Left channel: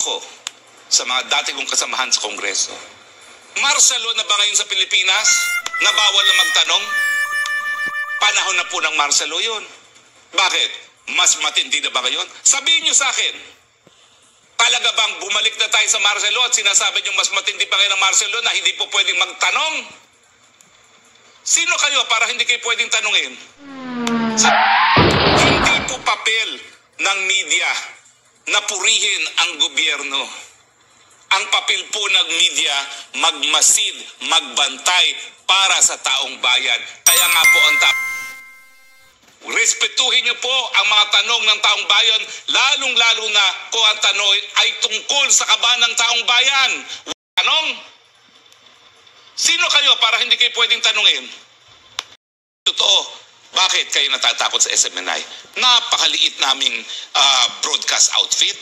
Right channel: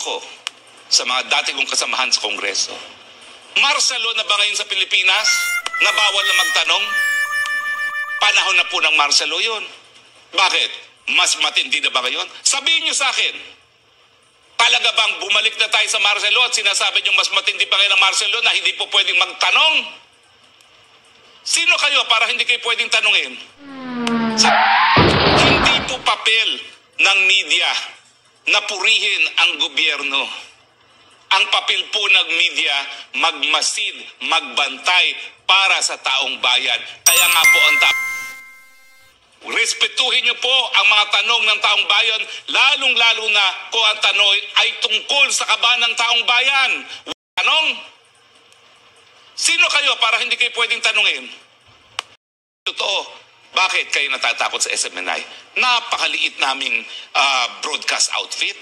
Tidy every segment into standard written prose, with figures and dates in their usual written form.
ko sa mga dati kong kasamahan sa Kongreso. Martial law na ba ngayon sa Pilipinas na bawal na magtanong? Panahon na po ng martial law yun. Bakit? Mas matindi na ba ngayon? Sabihin niyo sa akin, talaga bang bumalik na tayo sa martial law at sinasabi niyo mas matindi pa ngayon ang martial law na hindi po pwedeng magtanong? Sino kayo para hindi kayo pwedeng tanungin? Hindi po papel ng media na purihin ang gobyerno. Ang papel po ng media, magmasid, magbantay para sa taong bayan. Kaya nga po ang respetuhin niyo po ang mga tanong ng taong bayan, lalong-lalo na kung ang tanong ay tungkol sa kaban ng taong bayan. Tanong? Sino kayo para hindi kayo pwedeng tanungin? Totoo. Bakit kayo natatakot sa SMNI? Napakaliit naming broadcast outfit.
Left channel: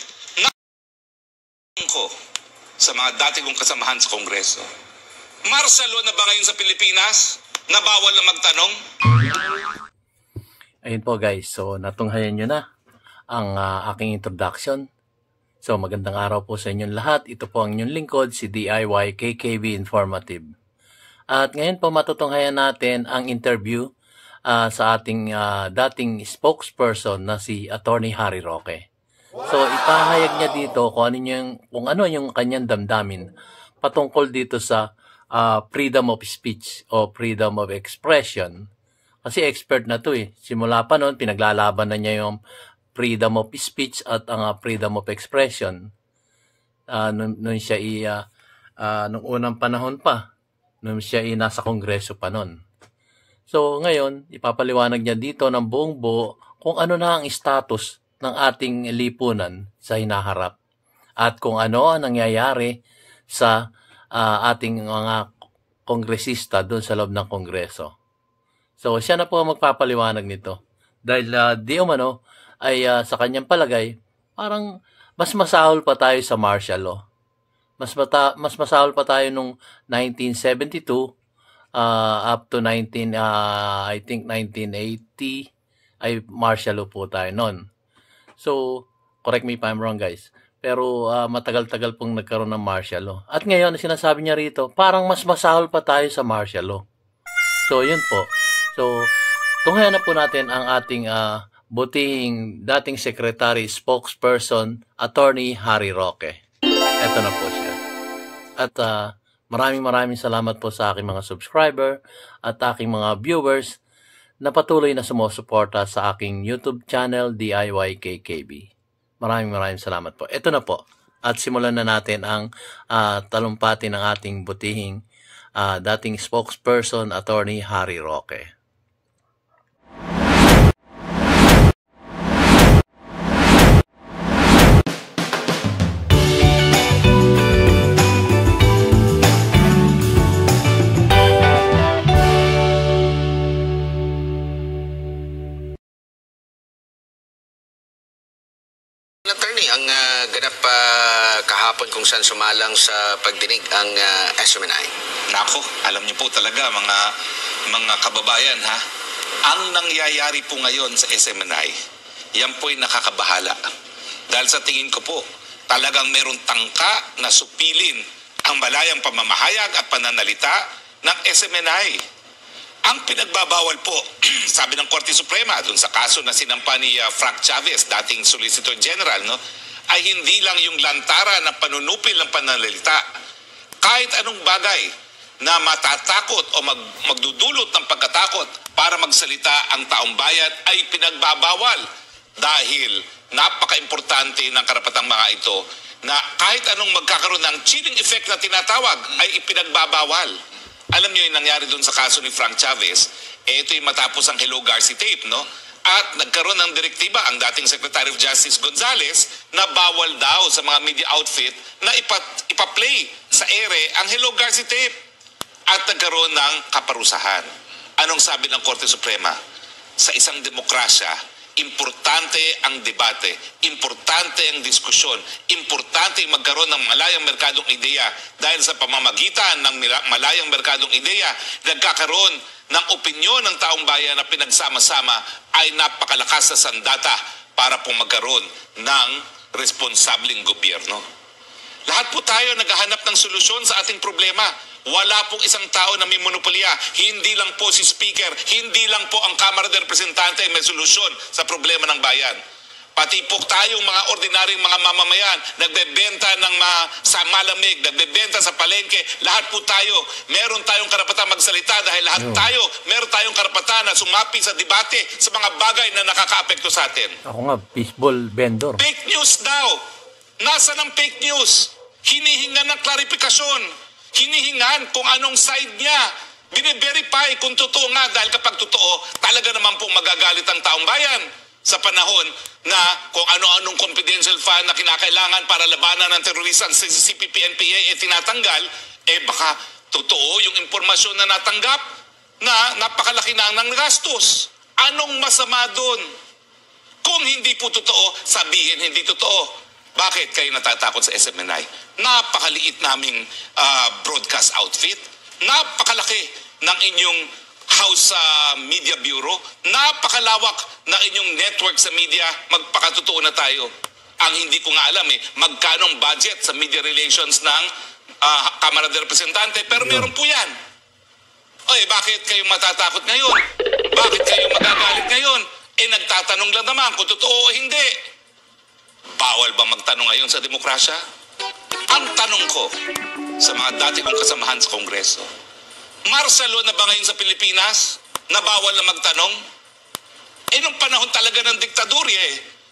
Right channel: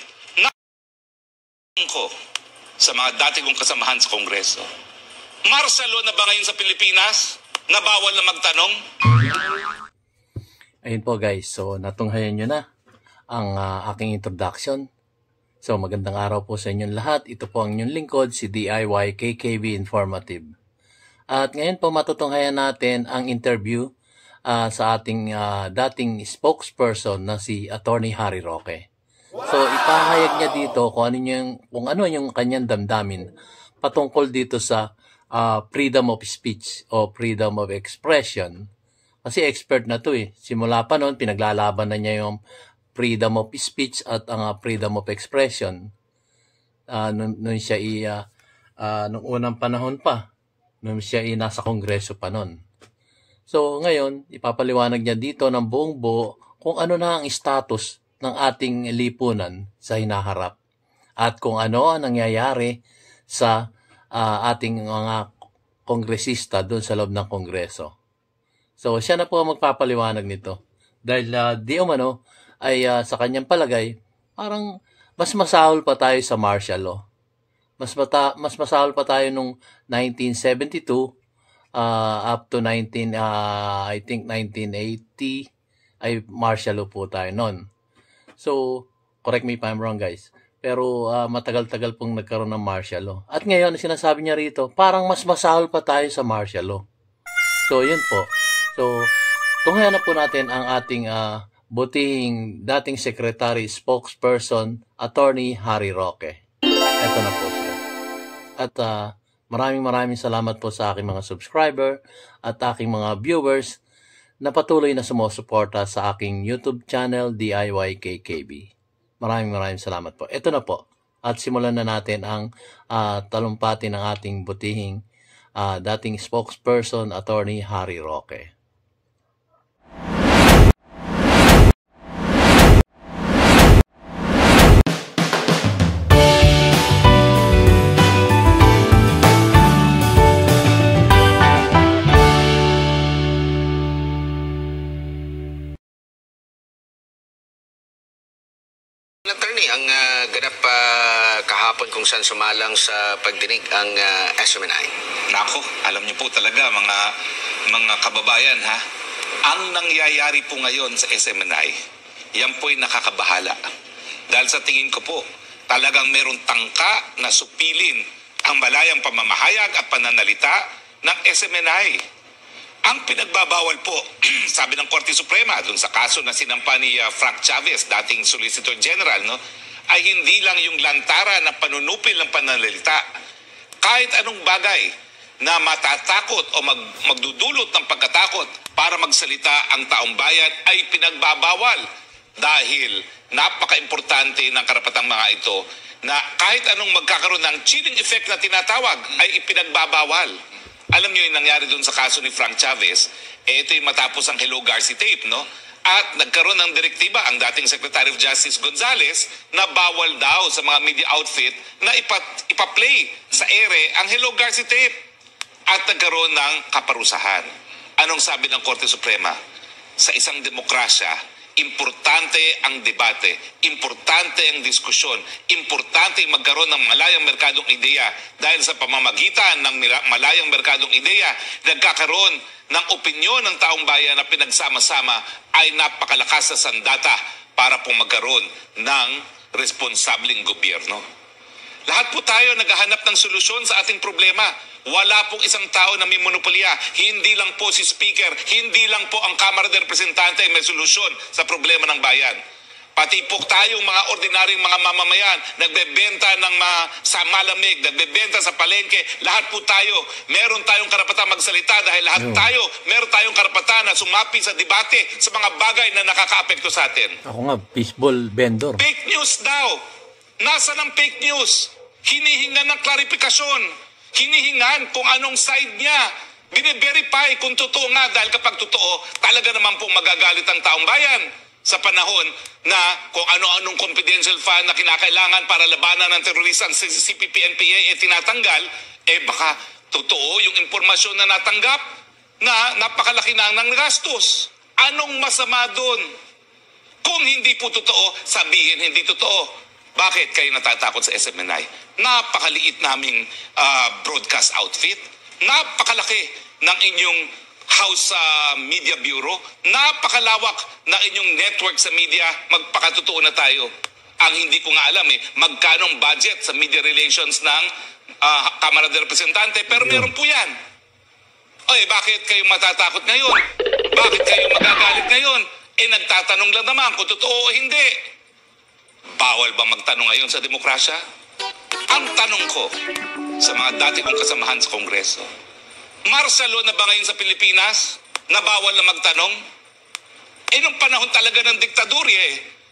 Ko sa mga dati kong kasamahan sa Kongreso. Martial law na ba ngayon sa Pilipinas na bawal na magtanong? Ayun po guys, so natunghayan nyo na ang aking introduction. So magandang araw po sa inyong lahat. Ito po ang inyong lingkod, si DIY KKB Informative. At ngayon po matutunghayan natin ang interview sa ating dating spokesperson na si Attorney Harry Roque. So ipahayag niya dito kung ano yung kanyang damdamin patungkol dito sa freedom of speech o freedom of expression. Kasi expert na to eh. Simula pa noon pinaglalaban na niya yung freedom of speech at ang freedom of expression. Nung siya nung unang panahon pa, nung siya nasa Kongreso pa noon. So ngayon, ipapaliwanag niya dito ng buong buo kung ano na ang status ng ating lipunan sa hinaharap at kung ano ang nangyayari sa ating mga kongresista doon sa loob ng Kongreso. So siya na po ang magpapaliwanag nito dahil di umano ay sa kanyang palagay parang mas masahol pa tayo sa martial law. Mas masahol pa tayo nung 1972 up to I think 1980 ay martial law po tayo noon. So, correct me if I'm wrong guys. Pero matagal-tagal pong nagkaroon ng martial law. At ngayon, sinasabi niya rito, parang mas masahol pa tayo sa martial law. So, yun po. So, tunghayan na po natin ang ating butihing dating secretary, spokesperson, Attorney Harry Roque. Ito na po siya. At maraming salamat po sa aking mga subscriber at aking mga viewers na patuloy na sumusuporta sa aking YouTube channel, DIY KKB. Maraming salamat po. Ito na po. At simulan na natin ang talumpati ng ating butihing dating spokesperson, Attorney Harry Roque. Attorney, ang ganap kahapon kung saan sumalang sa pagdinig ang SMNI. Nako, alam niyo po talaga mga kababayan ha, ang nangyayari po ngayon sa SMNI, yan po'y nakakabahala. Dahil sa tingin ko po, talagang merong tangka na supilin ang malayang pamamahayag at pananalita ng SMNI. Ang pinagbabawal po, sabi ng Korte Suprema, dun sa kaso na sinampa ni Frank Chavez, dating Solicitor General, no, ay hindi lang yung lantara na panunupil ng pananalita. Kahit anong bagay na matatakot o magdudulot ng pagkatakot para magsalita ang taong bayan ay pinagbabawal. Dahil napaka-importante ng karapatang mga ito na kahit anong magkakaroon ng chilling effect na tinatawag ay ipinagbabawal. Alam niyo yung nangyari doon sa kaso ni Frank Chavez, ito yung matapos ang Hello Garci tape, no? At nagkaroon ng direktiba ang dating Secretary of Justice Gonzales na bawal daw sa mga media outfit na ipa-play sa ere ang Hello Garci tape. At nagkaroon ng kaparusahan. Anong sabi ng Korte Suprema? Sa isang demokrasya, importante ang debate, importante ang diskusyon, importante ang magkaroon ng malayang merkadong ideya dahil sa pamamagitan ng malayang merkadong ideya, nagkakaroon ng opinyon ng taong bayan na pinagsama-sama ay napakalakas na sandata para pong magkaroon ng responsabling gobyerno. Lahat po tayo naghahanap ng solusyon sa ating problema. Wala pong isang tao na may monopolya. Hindi lang po si Speaker, hindi lang po ang Kamara de Representante may solusyon sa problema ng bayan. Pati po tayong mga ordinaryong mga mamamayan, nagbebenta ng sa malamig, nagbebenta sa palengke, lahat po tayo, meron tayong karapatan magsalita dahil lahat tayo, meron tayong karapatan na sumapi sa debate sa mga bagay na nakakaapekto sa atin. Ako nga, baseball vendor. Fake news daw. Nasaan ang fake news? Hinihingan ng klarifikasyon. Hinihingan kung anong side niya. Bine-verify kung totoo nga dahil kapag totoo, talaga naman pong magagalit ang taong bayan sa panahon na kung ano-anong confidential fund na kinakailangan para labanan ng terorista ang CPP-NPA tinatanggal, baka totoo yung impormasyon na natanggap na napakalaki na ng gastos. Anong masama doon? Kung hindi po totoo, sabihin hindi totoo. Bakit kayo natatakot sa SMNI? Napakaliit naming broadcast outfit. Napakalaki ng inyong House Media Bureau. Napakalawak na inyong network sa media. Magpakatotoo na tayo. Ang hindi ko nga alam magkano ang budget sa media relations ng Kamara de Representante. Pero meron po yan. Bakit kayo matatakot ngayon? Bakit kayo magagalit ngayon? Nagtatanong lang naman kung totoo o hindi. Bawal ba magtanong ngayon sa demokrasya? Ang tanong ko sa mga dati kong kasamahan sa Kongreso, martial law na ba ngayon sa Pilipinas na bawal na magtanong? Nung panahon talaga ng diktadurya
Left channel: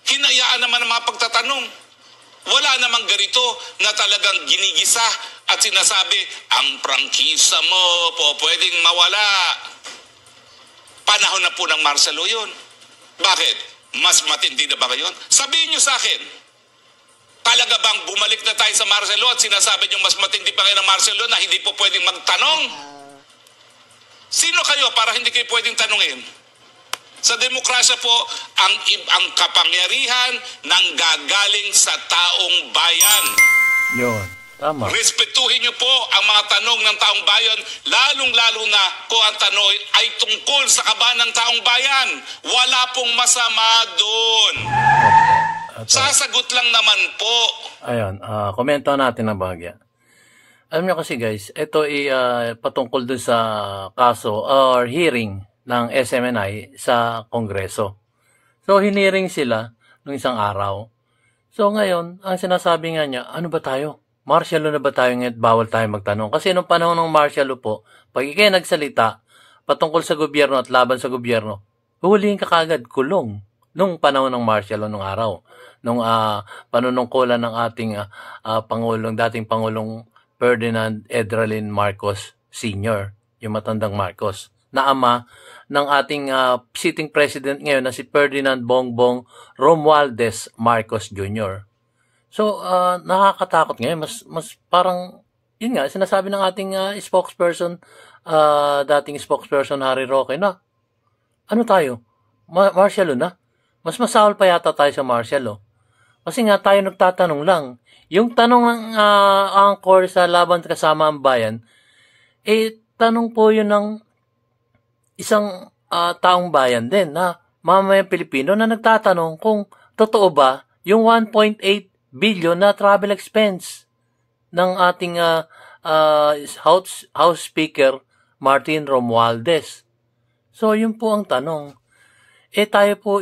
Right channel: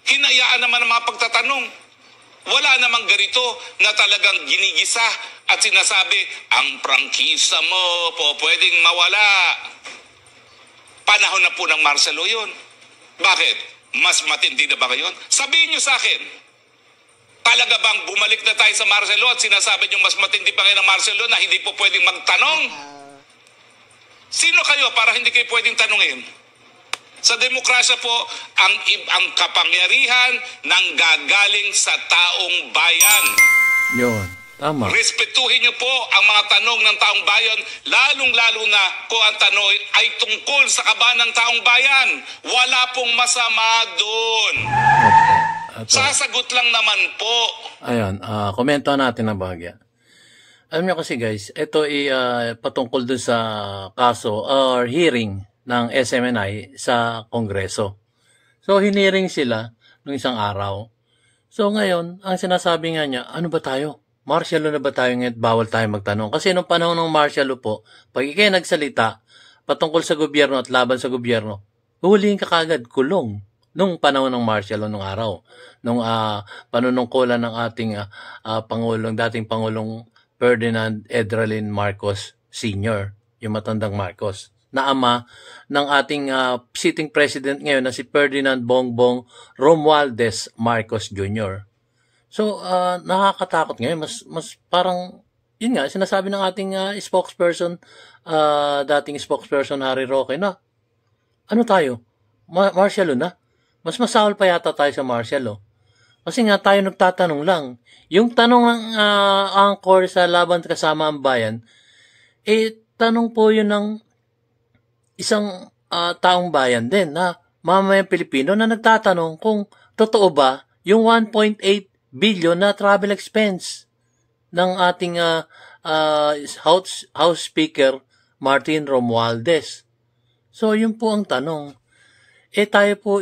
hinayaan naman ang mga pagtatanong. Wala namang ganito na talagang ginigisa at sinasabi, ang prangkisa mo po pwedeng mawala. Panahon na po ng martial law yun. Bakit? Mas matindi na ba ngayon? Sabihin nyo sa akin, talaga bang bumalik na tayo sa martial law at sinasabi nyo mas matindi pa ngayon ng martial law na hindi po pwedeng magtanong? Sino kayo para hindi kayo pwedeng tanungin? Sa demokrasya po, ang kapangyarihan nanggagaling sa taong bayan. Yun, tama. Respetuhin niyo po ang mga tanong ng taong bayan, lalong-lalo na kung ang tanong ay tungkol sa kaban ng taong bayan. Wala pong masama doon. Sasagot lang naman po. Ayan, komento natin na bahagya. Alam niyo kasi guys, ito ay patungkol dun sa kaso or hearing ng SMNI sa Kongreso. So, hiniring sila nung isang araw. So, ngayon, ang sinasabi nga niya, ano ba tayo? Martial law na ba tayo ngayon? Bawal tayo magtanong. Kasi nung panahon ng martial law po, pag ikay nagsalita patungkol sa gobyerno at laban sa gobyerno, huhulihin ka kagad, kulong. Nung panahon ng martial law nung araw. Nung panunungkulan ng ating Pangulong, dating Pangulong Ferdinand Edralin Marcos Sr., yung matandang Marcos, na ama ng ating sitting president ngayon na si Ferdinand Bongbong Romualdez Marcos Jr. So, nakakatakot ngayon. Mas parang, yun nga, sinasabi ng ating spokesperson, dating spokesperson Harry Roque na, ano tayo? Martial law na? Mas masahol pa yata tayo sa martial law. Kasi nga tayo nagtatanong lang. Yung tanong ng angkor sa Laban Kasama ang Bayan, tanong po yun ng isang taong bayan din na mamamayang Pilipino na nagtatanong kung totoo ba yung 1.8 billion na travel expense ng ating House Speaker Martin Romualdez. So, yun po ang tanong. Tayo po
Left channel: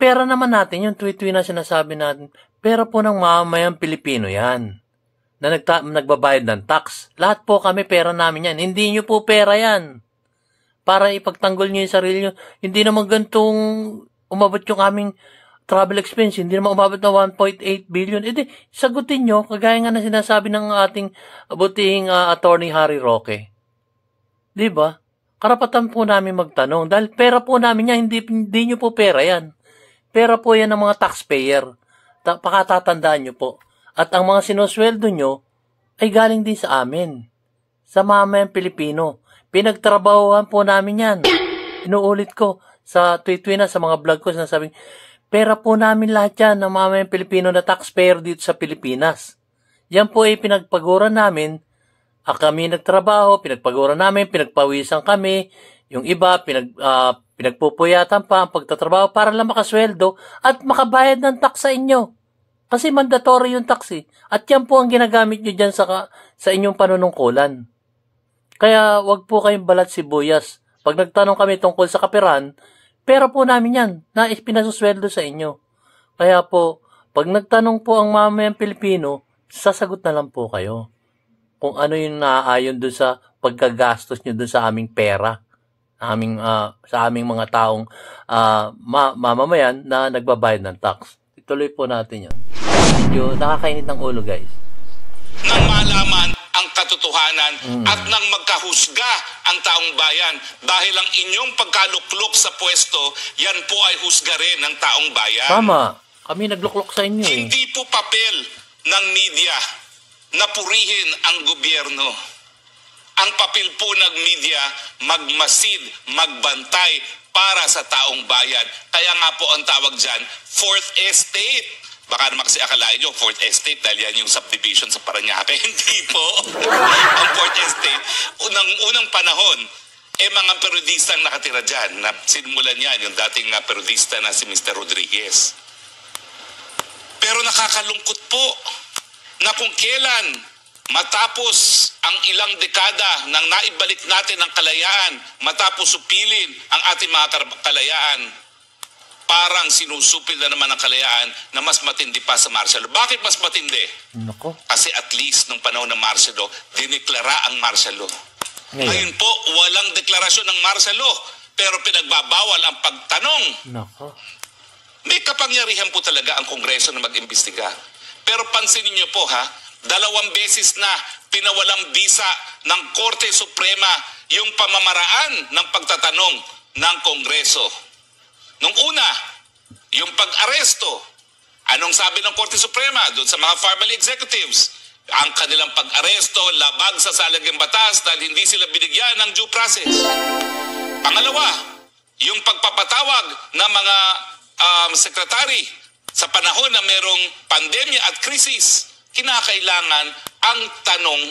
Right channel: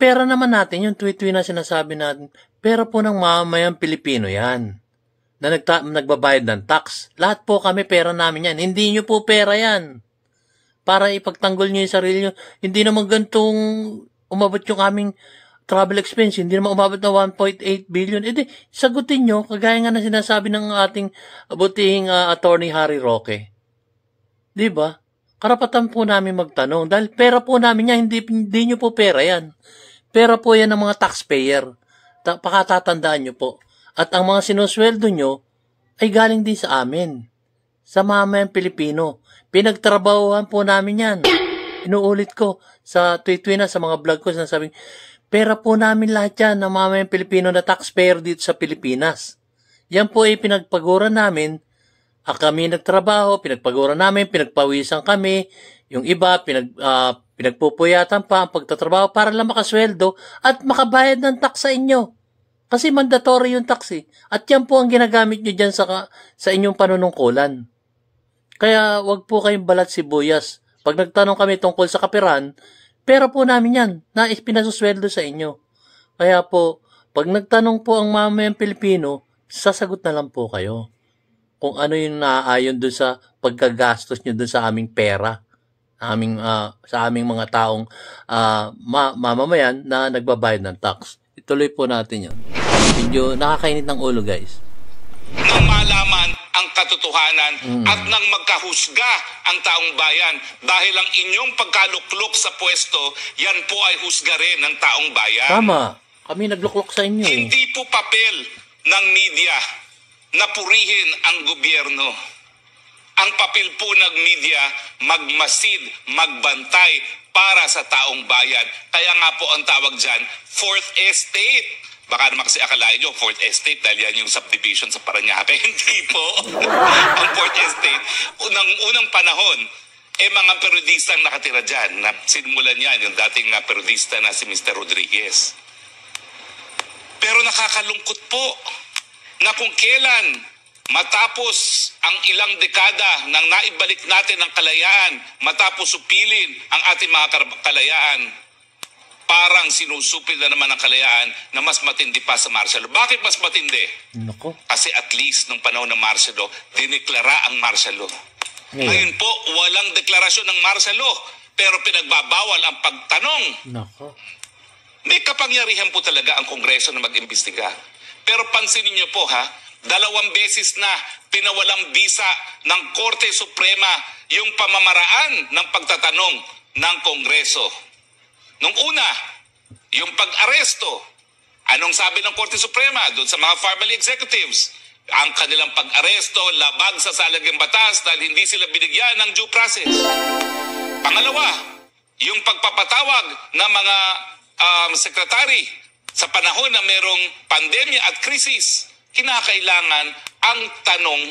pera naman natin, yung tweet na sinasabi natin, pera po ng mamamayang Pilipino yan na nagbabayad ng tax. Lahat po kami pera namin yan. Hindi nyo po pera yan. Para ipagtanggol nyo yung sarili nyo. Hindi naman gantong umabot yung aming travel expense. Hindi naman umabot na 1.8 billion. Sagutin nyo, kagaya nga na sinasabi ng ating butihing attorney Harry Roque. Diba? Karapatan po namin magtanong. Dahil pera po namin yan, hindi nyo po pera yan. Pera po yan ng mga taxpayer. Pakatatandaan nyo po. At ang mga sinusweldo nyo ay galing din sa amin. Sa mamayang Pilipino. Pinagtrabahuhan po namin yan. Inuulit ko sa tweet na sa mga vlog ko, sinasabing, pera po namin lahat yan ng mamayang Pilipino na taxpayer dito sa Pilipinas. Yan po ay pinagpaguran namin. Kami nagtrabaho, pinagpaguran namin, pinagpawisan kami. Yung iba, pinagpupuyatan pa ang pagtatrabaho para lang makasweldo at makabayad ng tax sa inyo. Kasi mandatory yung tax eh. At yan po ang ginagamit nyo dyan sa inyong panunungkulan. Kaya wag po kayong balat sibuyas. Pag nagtanong kami tungkol sa kapiran, pera po namin yan na ipinasusweldo sa inyo. Kaya po, pag nagtanong po ang mamamayang Pilipino, sasagot na lang po kayo kung ano yung naaayon doon sa pagkagastos nyo doon sa aming pera, sa aming mga taong mamamayan na nagbabayad ng tax. Ituloy po natin yan. Medyo nakakainit ng ulo, guys. Nang malaman ang katotohanan at nang magkahusga ang taong bayan dahil ang inyong pagkaluklok sa pwesto, yan po ay husga rin ng taong bayan. Tama. Kami nagluklok sa inyo. Hindi po papel ng media na purihin ang gobyerno. Ang papel po ng media, magmasid, magbantay para sa taong bayan. Kaya nga po ang tawag dyan, Fourth Estate. Baka naman kasi akalain nyo, Fourth Estate, dahil yan yung subdivision sa Parañaque. Hindi po. Ang Fourth Estate, unang panahon, mga periodistang nakatira dyan. Na sinimulan yan, yung dating periodista na si Mr. Rodriguez. Pero nakakalungkot po na kung kailan matapos ang ilang dekada nang naibalik natin ang kalayaan, matapos supilin ang ating mga kalayaan, parang sinusupil na naman ang kalayaan na mas matindi pa sa martial law. Bakit mas matindi? Nako. Kasi at least nung panahon ng martial law, dineklara ang martial law. Ngayon po, walang deklarasyon ng martial law, pero pinagbabawal ang pagtanong. Nako. May kapangyarihan po talaga ang Kongreso na mag-imbestiga. Pero pansinin niyo po 2 beses na pinawalang bisa ng Korte Suprema yung pamamaraan ng pagtatanong ng Kongreso. Nung una, yung pag-aresto. Anong sabi ng Korte Suprema doon sa mga family executives? Ang kanilang pag-aresto labag sa salagang batas dahil hindi sila binigyan ng due process. Pangalawa, yung pagpapatawag ng mga sekretary sa panahon na merong pandemya at krisis, kinakailangan ang tanong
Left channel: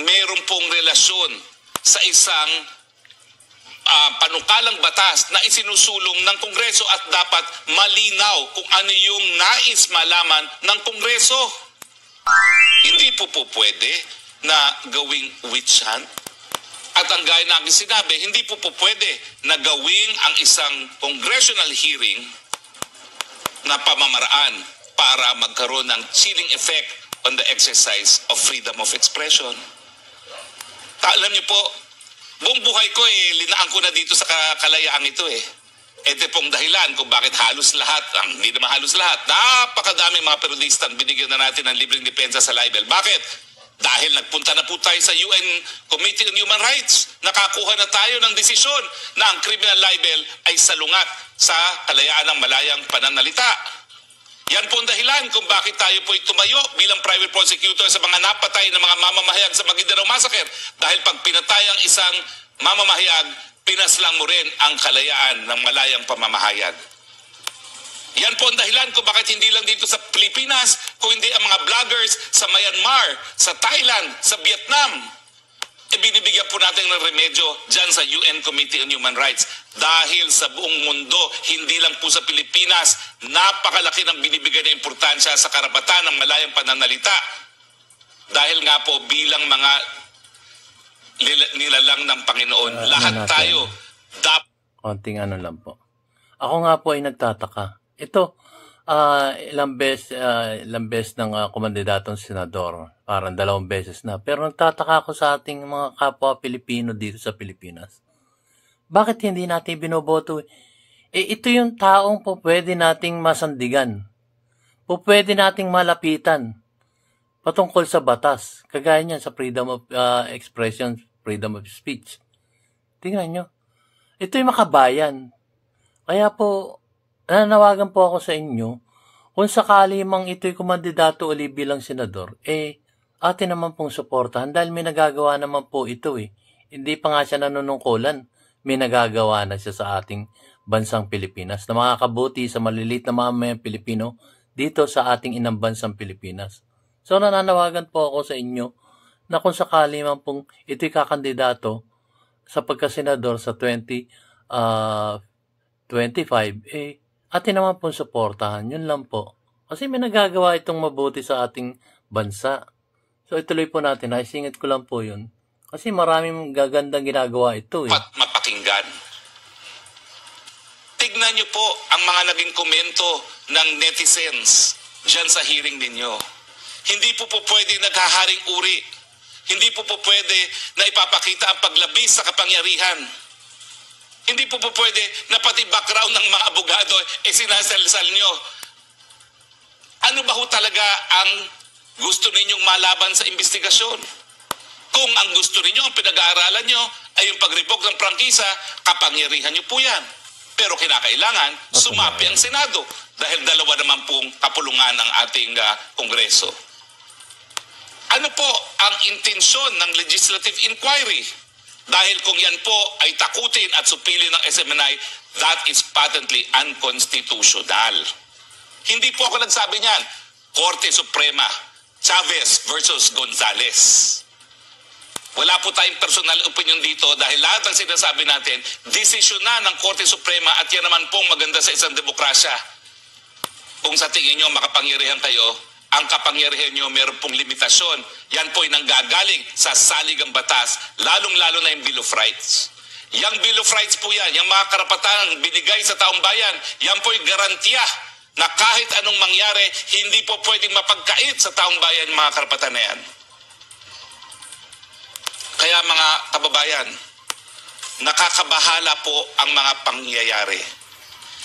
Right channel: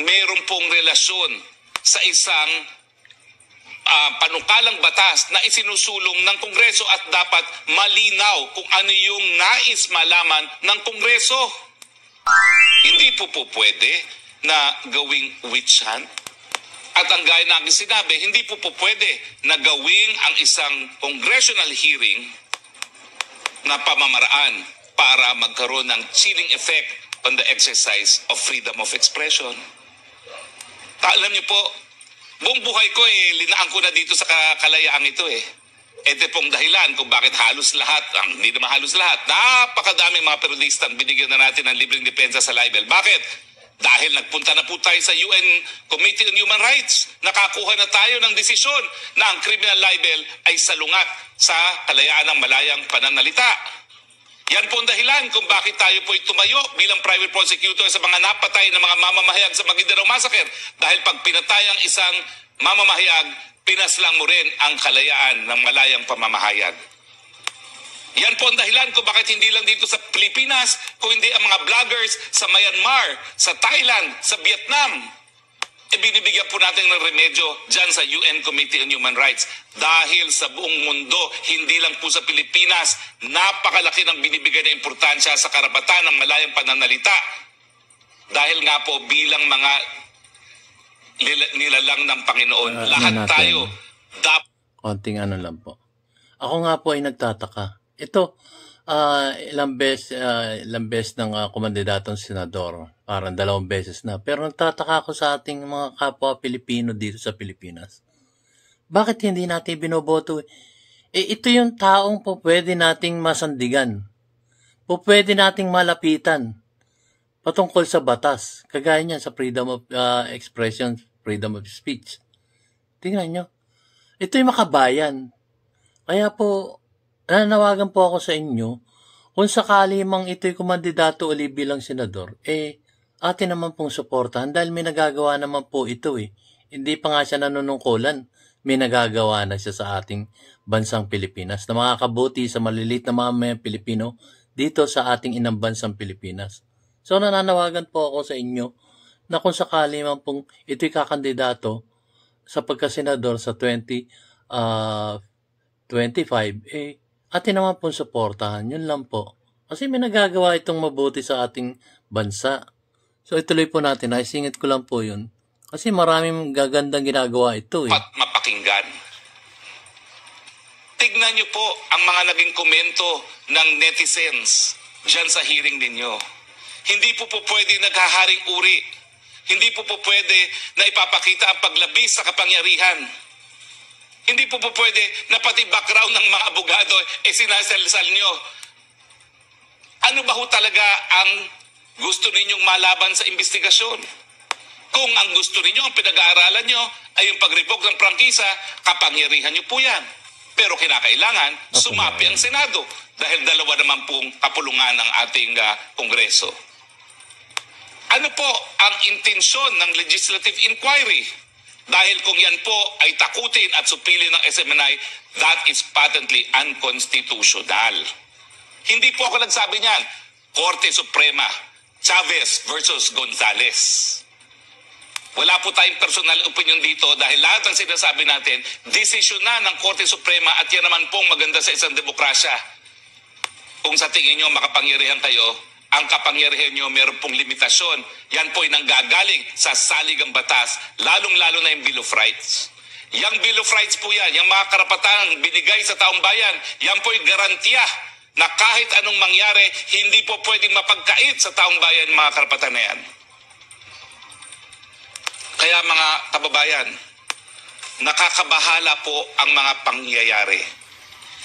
meron pong relasyon sa isang panukalang batas na isinusulong ng Kongreso at dapat malinaw kung ano yung nais malaman ng Kongreso. Hindi po pwede na gawing witch hunt. At ang gaya na aking sinabi, hindi po pwede na gawing ang isang congressional hearing na pamamaraan para magkaroon ng chilling effect on the exercise of freedom of expression. Alam niyo po, buong buhay ko linaan ko na dito sa kalayaang ito Ito pong dahilan kung bakit halos lahat, hindi naman halos lahat, napakadaming mga periodistang binigyan na natin ng libreng depensa sa libel. Bakit? Dahil nagpunta na po tayo sa UN Committee on Human Rights, nakakuha na tayo ng desisyon na ang criminal libel ay salungat sa kalayaan ng malayang pananalita. Yan po ang dahilan kung bakit tayo po tumayo bilang private prosecutor sa mga napatay na mga mamamahayag sa Maguindanao Massacre. Dahil pag pinatay ang isang mamamahayag, pinaslang mo rin ang kalayaan ng malayang pamamahayag. Yan po ang dahilan kung bakit hindi lang dito sa Pilipinas, kung hindi ang mga vloggers sa Myanmar, sa Thailand, sa Vietnam, binibigyan po natin ng remedyo dyan sa UN Committee on Human Rights. Dahil sa buong mundo, hindi lang po sa Pilipinas, napakalaki ng binibigay na importansya sa karapatan ng malayang pananalita. Dahil nga po bilang mga nilalang ng Panginoon, lahat tayo konting lang po. Ako nga po ay nagtataka. Ito, ilang beses ng kumandidatong senador. Parang 2 beses na. Pero nagtataka ako sa ating mga kapwa Pilipino dito sa Pilipinas. Bakit hindi natin binoboto? Ito yung taong po pwede nating masandigan. Po pwede nating malapitan. Patungkol sa batas. Kagaya niyan sa freedom of expression, freedom of speech. Tingnan nyo. Ito yung makabayan. Kaya po, nananawagan po ako sa inyo, kung sakali mang ito'y kumandidato uli bilang senador, atin naman pong suportahan dahil may nagagawa naman po ito Hindi pa nga siya nanunungkulan, may nagagawa na siya sa ating bansang Pilipinas na makakabuti sa maliliit na mamamayang Pilipino dito sa ating inang bansang Pilipinas. So nananawagan po ako sa inyo na kung sakali man pong ito'y kakandidato sa pagkasenador sa 2025, atin naman pong suportahan. Yun lang po. Kasi may nagagawa itong mabuti sa ating bansa. So ituloy po natin, naisingit ko lang po yun. Kasi maraming gagandang ginagawa ito eh. Mapakinggan. Tignan niyo po ang mga naging komento ng netizens dyan sa hearing ninyo. Hindi po pwede naghaharing uri. Hindi po pwede na ipapakita ang paglabis sa kapangyarihan. Hindi po pwede na pati background ng mga abogado sinasalsal nyo. Ano ba ho talaga ang gusto ninyong malaban sa investigasyon? Kung ang gusto ninyo, ang pinag-aaralan nyo ay yung pag-revoke ng prangkisa, kapangyarihan nyo po yan. Pero kinakailangan, sumapi ang Senado dahil dalawa naman pong kapulungan ng ating Kongreso. Ano po ang intensyon ng legislative inquiry? Dahil kung yan po ay takutin at supilin ng SMNI, that is patently unconstitutional. Hindi po ako nagsabi niyan. Korte Suprema, Chavez versus Gonzales. Wala po tayong personal opinion dito dahil lahat ng sinasabi natin, desisyon na ng Korte Suprema at yan naman pong maganda sa isang demokrasya. Kung sa tingin nyo makapangyarihan kayo, ang kapangyarihan nyo meron pong limitasyon. Yan po ay nanggagaling sa saligang batas, lalong-lalo na yung Bill of Rights. Yang Bill of Rights po yan, yung mga karapatan binigay sa taong bayan, yan po ay garantiya na kahit anong mangyari, hindi po pwedeng mapagkait sa taong bayan mga karapatan na yan. Kaya mga kababayan, nakakabahala po ang mga pangyayari.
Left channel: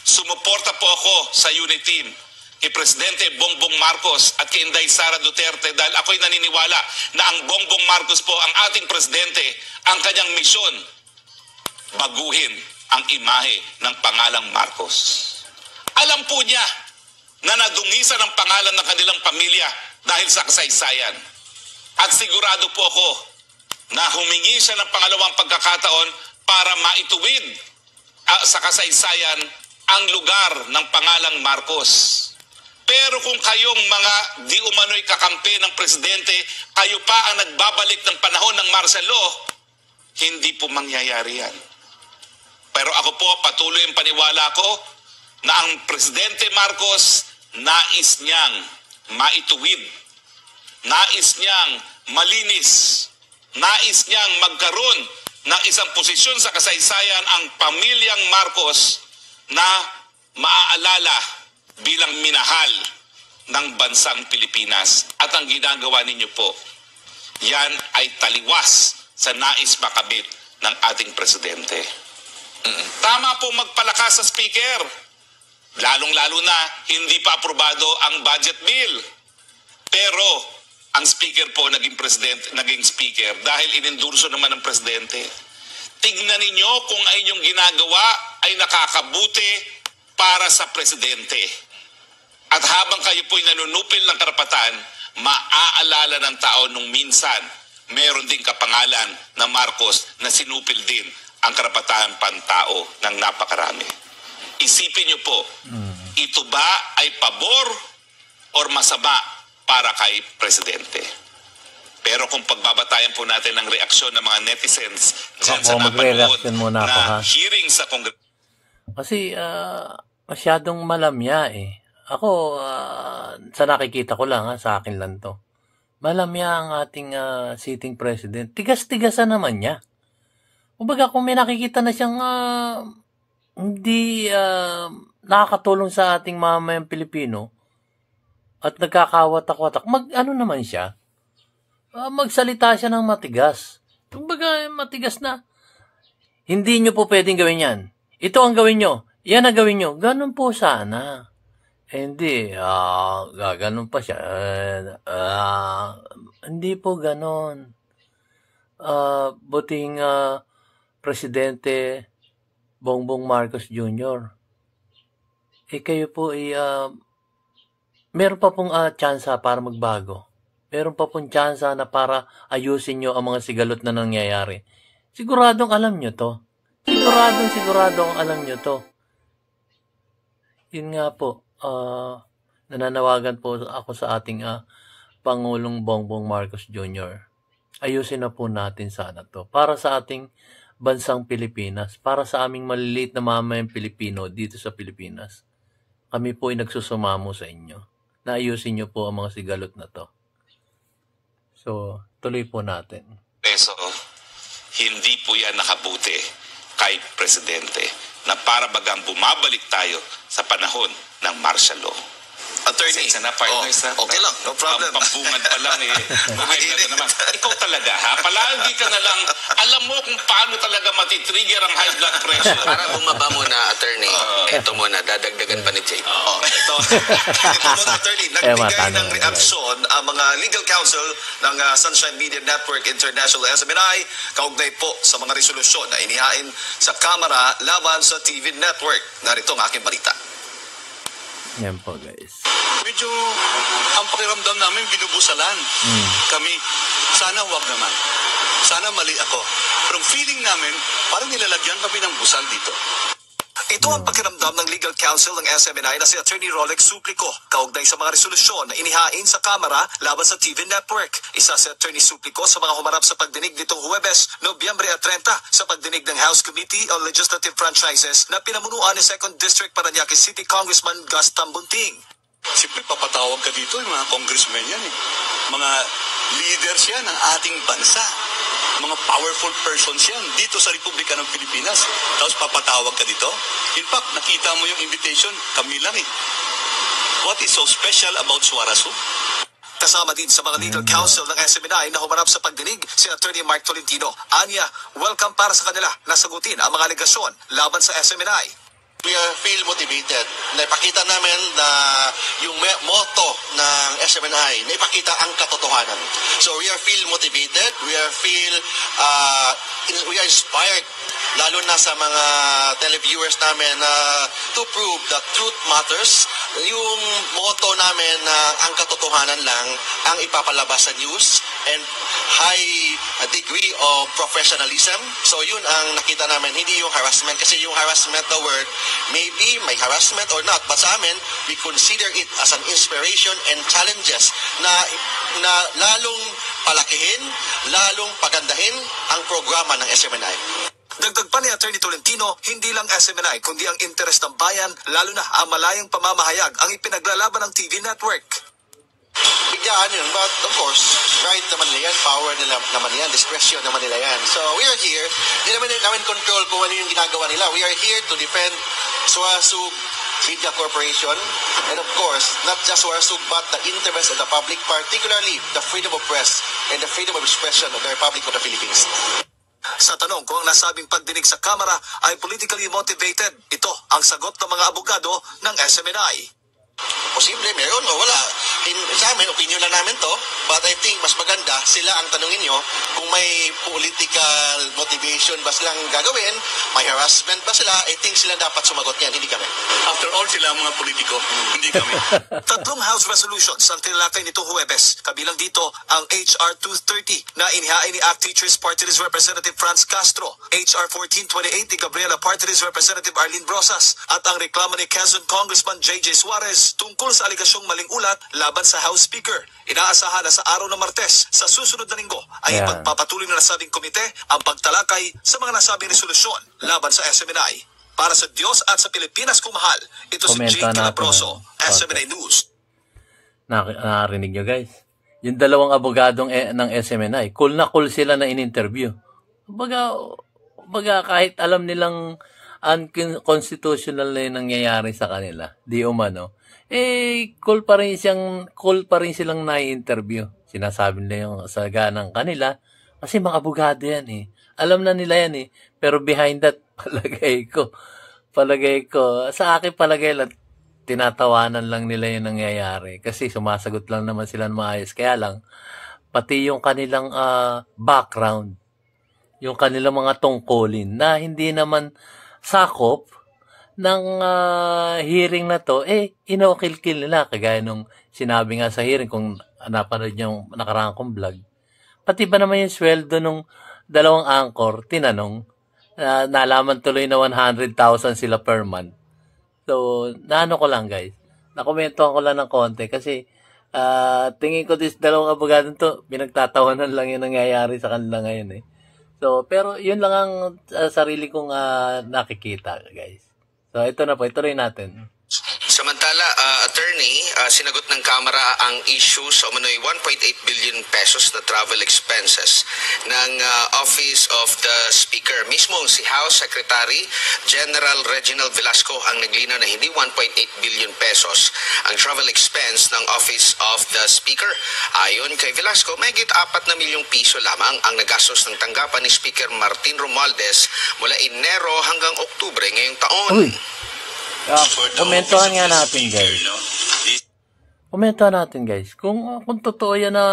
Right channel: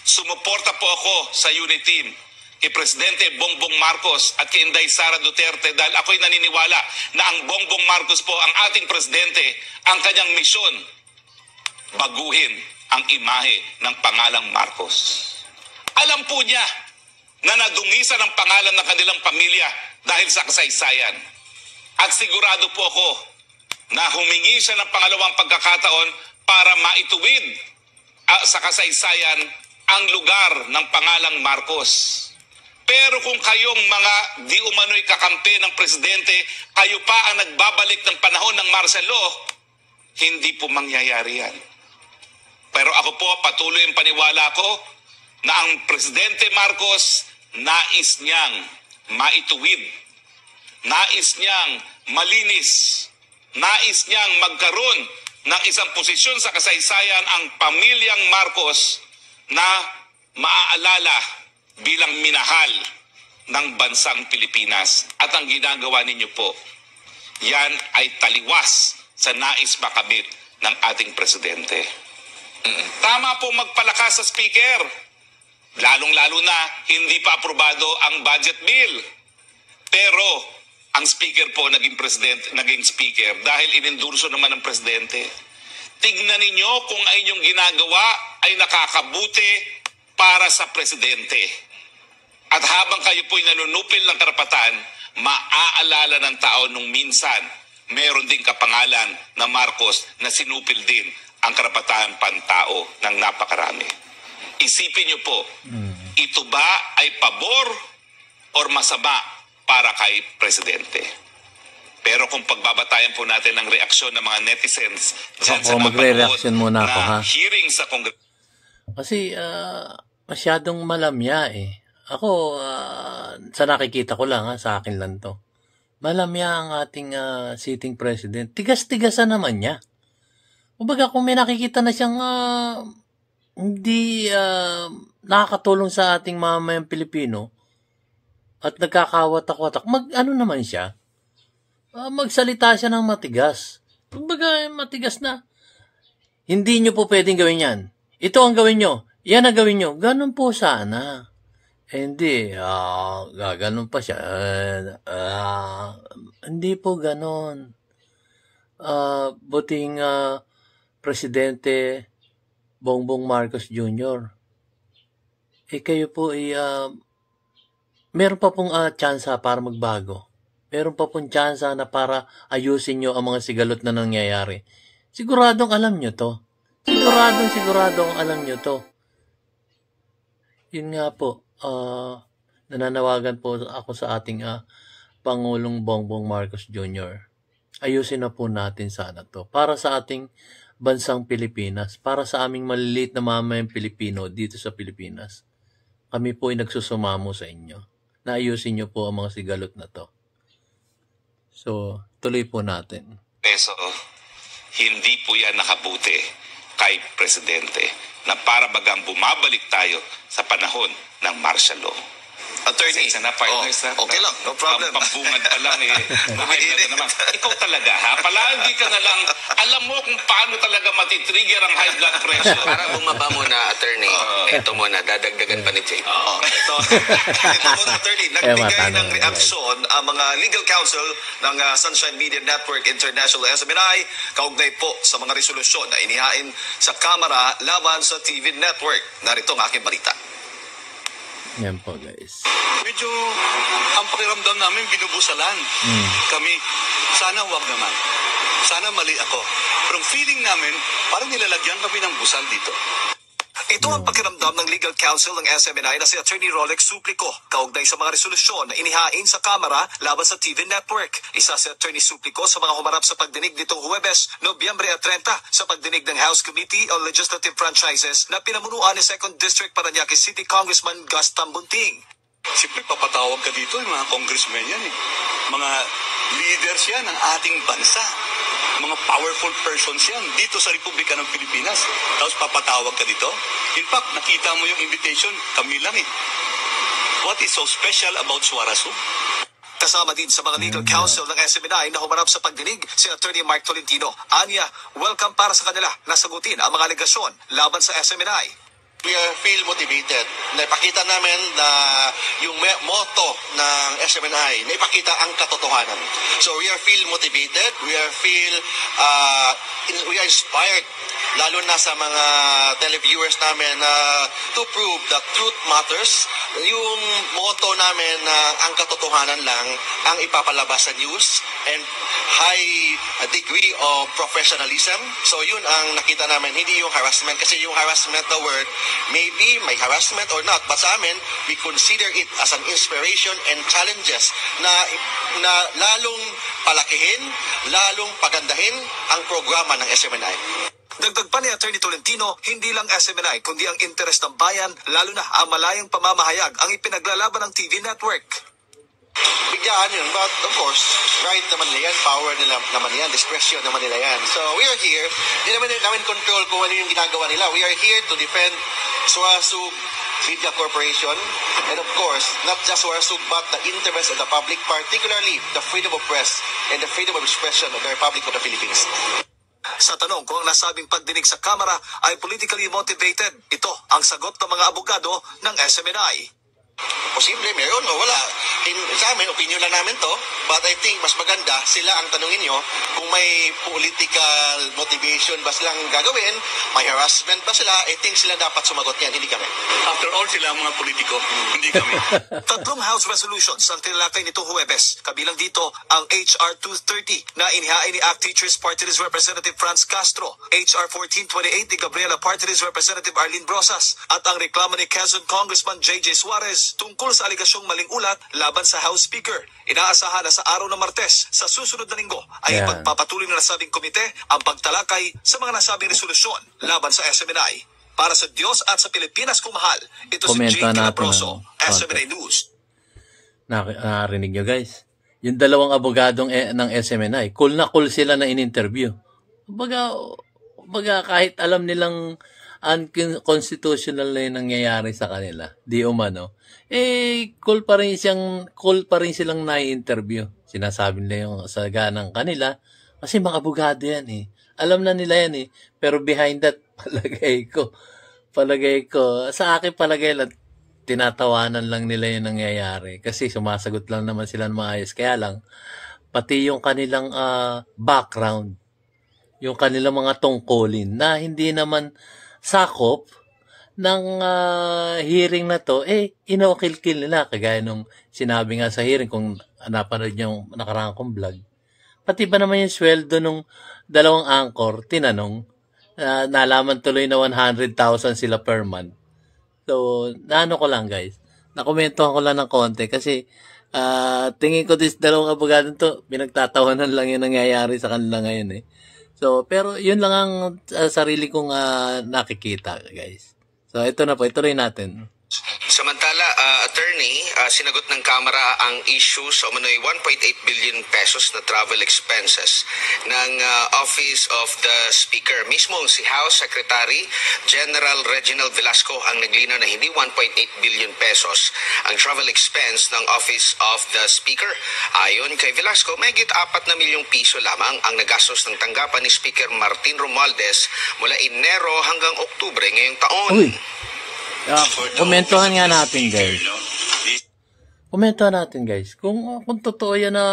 Sumuporta po ako sa unit team kay Presidente Bongbong Marcos at kay Inday Sara Duterte dahil ako'y naniniwala na ang Bongbong Marcos po, ang ating presidente, ang kanyang misyon, baguhin ang imahe ng pangalang Marcos. Alam po niya na nadungisan ang pangalan ng kanilang pamilya dahil sa kasaysayan. At sigurado po ako na humingi siya ng pangalawang pagkakataon para maituwid sa kasaysayan ang lugar ng pangalang Marcos. Pero kung kayong mga di umano'y kakampi ng presidente, kayo pa ang nagbabalik ng panahon ng martial law, hindi po mangyayari yan. Pero ako po, patuloy ang paniwala ko na ang Presidente Marcos nais niyang maituwid, nais niyang malinis, nais niyang magkaroon ng isang posisyon sa kasaysayan ang pamilyang Marcos na maaalala bilang minahal ng bansang Pilipinas. At ang ginagawa ninyo po, yan ay taliwas sa nais makamit ng ating presidente. Tama po magpalakas sa speaker. Lalong-lalo na hindi pa aprobado ang budget bill. Pero ang speaker po naging speaker dahil inendurso naman ng presidente. Tignan ninyo kung ang inyong ginagawa ay nakakabuti para sa presidente. At habang kayo po'y nanunupil ng karapatan, maaalala ng tao nung minsan meron ding kapangalan na Marcos na sinupil din ang karapatan pantao ng napakarami. Isipin niyo po, ito ba ay pabor or masama para kay presidente? Pero kung pagbabatayan po natin ng reaksyon ng mga netizens dyan sa napanood na hearing sa Kongreso. Kasi masyadong malamya eh. Ako, sa nakikita ko lang, sa akin lang to. Malamya ang ating sitting president. Tigas-tigasan naman niya. Kumbaga kung may nakikita na siyang hindi nakakatulong sa ating mamamayang Pilipino at nagkakawatak-watak, ano naman siya? Magsalita siya ng matigas. Kumbaga matigas na. Hindi nyo po pwedeng gawin yan. Ito ang gawin nyo. Yan ang gawin nyo. Ganun po sana. Hindi. Ganun pa siya. Hindi po ganun. Buting Presidente Bongbong Marcos Jr. Kayo po meron pa pong tsansa para magbago. Meron pa pong tsansa na para ayusin nyo ang mga sigalot na nangyayari. Siguradong alam nyo to. Siguradong alam nyo to. Yun nga po, nananawagan po ako sa ating Pangulong Bongbong Marcos Jr. Ayusin na po natin sana to. Para sa ating bansang Pilipinas, para sa aming maliliit na mamayang Pilipino dito sa Pilipinas. Kami po ay nagsusumamo sa inyo. na ayusin nyo po ang mga sigalot na to. So, tuloy po natin. Peso, hindi po yan nakabuti kay Presidente na para bagang bumabalik tayo sa panahon ng martial law. Attorney, Pasensya na, partners, ha? okay lang, no problem. Pampungad pa lang eh. High blood na naman. Ikaw talaga, ha? Palagi ka na lang, alam mo kung paano talaga matitrigger ang high blood pressure. Para bumaba muna, attorney, ito muna, dadagdagan pa ni Jay. Ito muna, attorney, nagbigay matanong ng na, reaksyon ang mga legal counsel ng Sunshine Media Network International SMNI kaugnay po sa mga resolusyon na inihain sa Kamara laban sa TV Network. Narito ang aking balita. Yan po, guys. Medyo ang pakiramdam namin binubusalan kami. Sana wag naman. Sana mali ako. Pero ang feeling namin, parang nilalagyan kami ng busal dito. Ito ang pakiramdam ng legal counsel ng SMNI na si Attorney Rolex Suplico kaugnay sa mga resolusyon na inihain sa Kamara laban sa TV Network. Isa si Attorney Suplico sa mga humarap sa pagdinig nitong Huwebes, Nobyembre 30 sa pagdinig ng House Committee on Legislative Franchises na pinamunuan ni 2nd District Parañaque City Congressman Gus Tambunting. Siyempre, papatawag ka dito, yung mga congressmen yan eh. Mga leaders yan ng ating bansa. Mga powerful persons yan dito sa Republika ng Pilipinas. Tapos papatawag ka dito. In fact, nakita mo yung invitation, kami lang eh. What is so special about Suarasu? Kasama din sa mga legal counsel ng SMNI na humarap sa pagdinig si Attorney Mark Tolentino. Anya, welcome para sa kanila na sagutin ang mga alegasyon laban sa SMNI. We feel motivated. Naipakita namin na yung motto ng SMNI, naipakita ang katotohanan. So we feel motivated, we are inspired, lalo na sa mga televiewers namin to prove that truth matters. Yung motto namin na ang katotohanan lang ang ipapalabas sa news and high degree of professionalism. So yun ang nakita namin, hindi yung harassment, kasi yung harassment na word, maybe may harassment or not, but sa amin, we consider it as an inspiration and challenges na lalong palakihin, lalong pagandahin ang programa ng SMNI. Dagdag pa ni Attorney Tolentino, hindi lang SMNI kundi ang interes ng bayan, lalo na ang malayang pamamahayag ang ipinaglalaban ng TV network. Bigyan yun, but of course, right naman nila yan, power nila naman yan, discretion naman nila yan. So we are here, hindi namin control kung ano yung ginagawa nila. We are here to defend Suarasug Media Corporation, and of course, not just Suarasug, but the interest of the public, particularly the freedom of press and the freedom of expression of the Republic of the Philippines. Sa tanong kung ang nasabing pagdinig sa Kamara ay politically motivated, ito ang sagot ng mga abogado ng SMNI. Posible, meron o wala. Sa amin, opinion lang namin to, but I think mas maganda sila ang tanungin nyo kung may political motivation ba silang gagawin, may harassment ba sila, I think sila dapat sumagot yan, hindi kami. After all, sila ang mga politiko, hindi kami. Tatlong House resolutions ang tinalakay nitong Huwebes. Kabilang dito ang HR 230 na inihain ni ACT Teachers Party List Representative Franz Castro, HR 1428 ni Gabriela Party List Representative Arlene Brosas, at ang reklamo ni Quezon Congressman JJ Suarez tungkol sa aligasyong maling ulat laban sa House Speaker. Inaasahan na sa araw ng Martes sa susunod na linggo ay ipagpapatuloy ng nasabing komite ang pagtalakay sa mga nasabing resolusyon laban sa SMNI. Para sa Diyos at sa Pilipinas kung mahal, ito si Jake Calabroso, SMNI News. Nakarinig nyo guys, yung dalawang abogadong ng SMNI, cool na cool sila na in-interview. Baga kahit alam nilang unconstitutional na yung nangyayari sa kanila, di umano, cool pa rin silang na-interview. Sinasabi nila yung saga ng kanila, kasi mga abogado yan eh. Alam na nila yan eh. Pero behind that, palagay ko, sa akin palagay lang, tinatawanan lang nila yung nangyayari. Kasi sumasagot lang naman sila ng maayos. Kaya lang, pati yung kanilang background, yung kanilang mga tungkulin na hindi naman sakop ng hearing na to, inokil-kil nila. Kagaya nung sinabi nga sa hearing, kung napanood yung nakaraan kong vlog, pati ba naman yung sweldo nung dalawang anchor, tinanong, nalaman tuloy na 100,000 sila per month. So, naano ko lang guys, nakomentuhan ko lang ng konti kasi tingin ko this dalawang abogado to, pinagtatawanan lang yung nangyayari sa kanila ngayon eh. So, pero yun lang ang sarili kong nakikita guys. So, ito na po, ituloy natin. Samantala, attorney, sinagot ng Kamara ang issue sa umano'y 1.8 billion pesos na travel expenses ng Office of the Speaker. Mismo si House Secretary General Reginald Velasco ang naglinaw na hindi 1.8 billion pesos ang travel expense ng Office of the Speaker. Ayon kay Velasco, mahigit 4 na milyong piso lamang ang nagastos ng tanggapan ni Speaker Martin Romualdez mula Enero hanggang Oktubre ngayong taon. Uy! Komentuhan nga natin, guys. Komentuhan natin, guys. Kung totoo yan na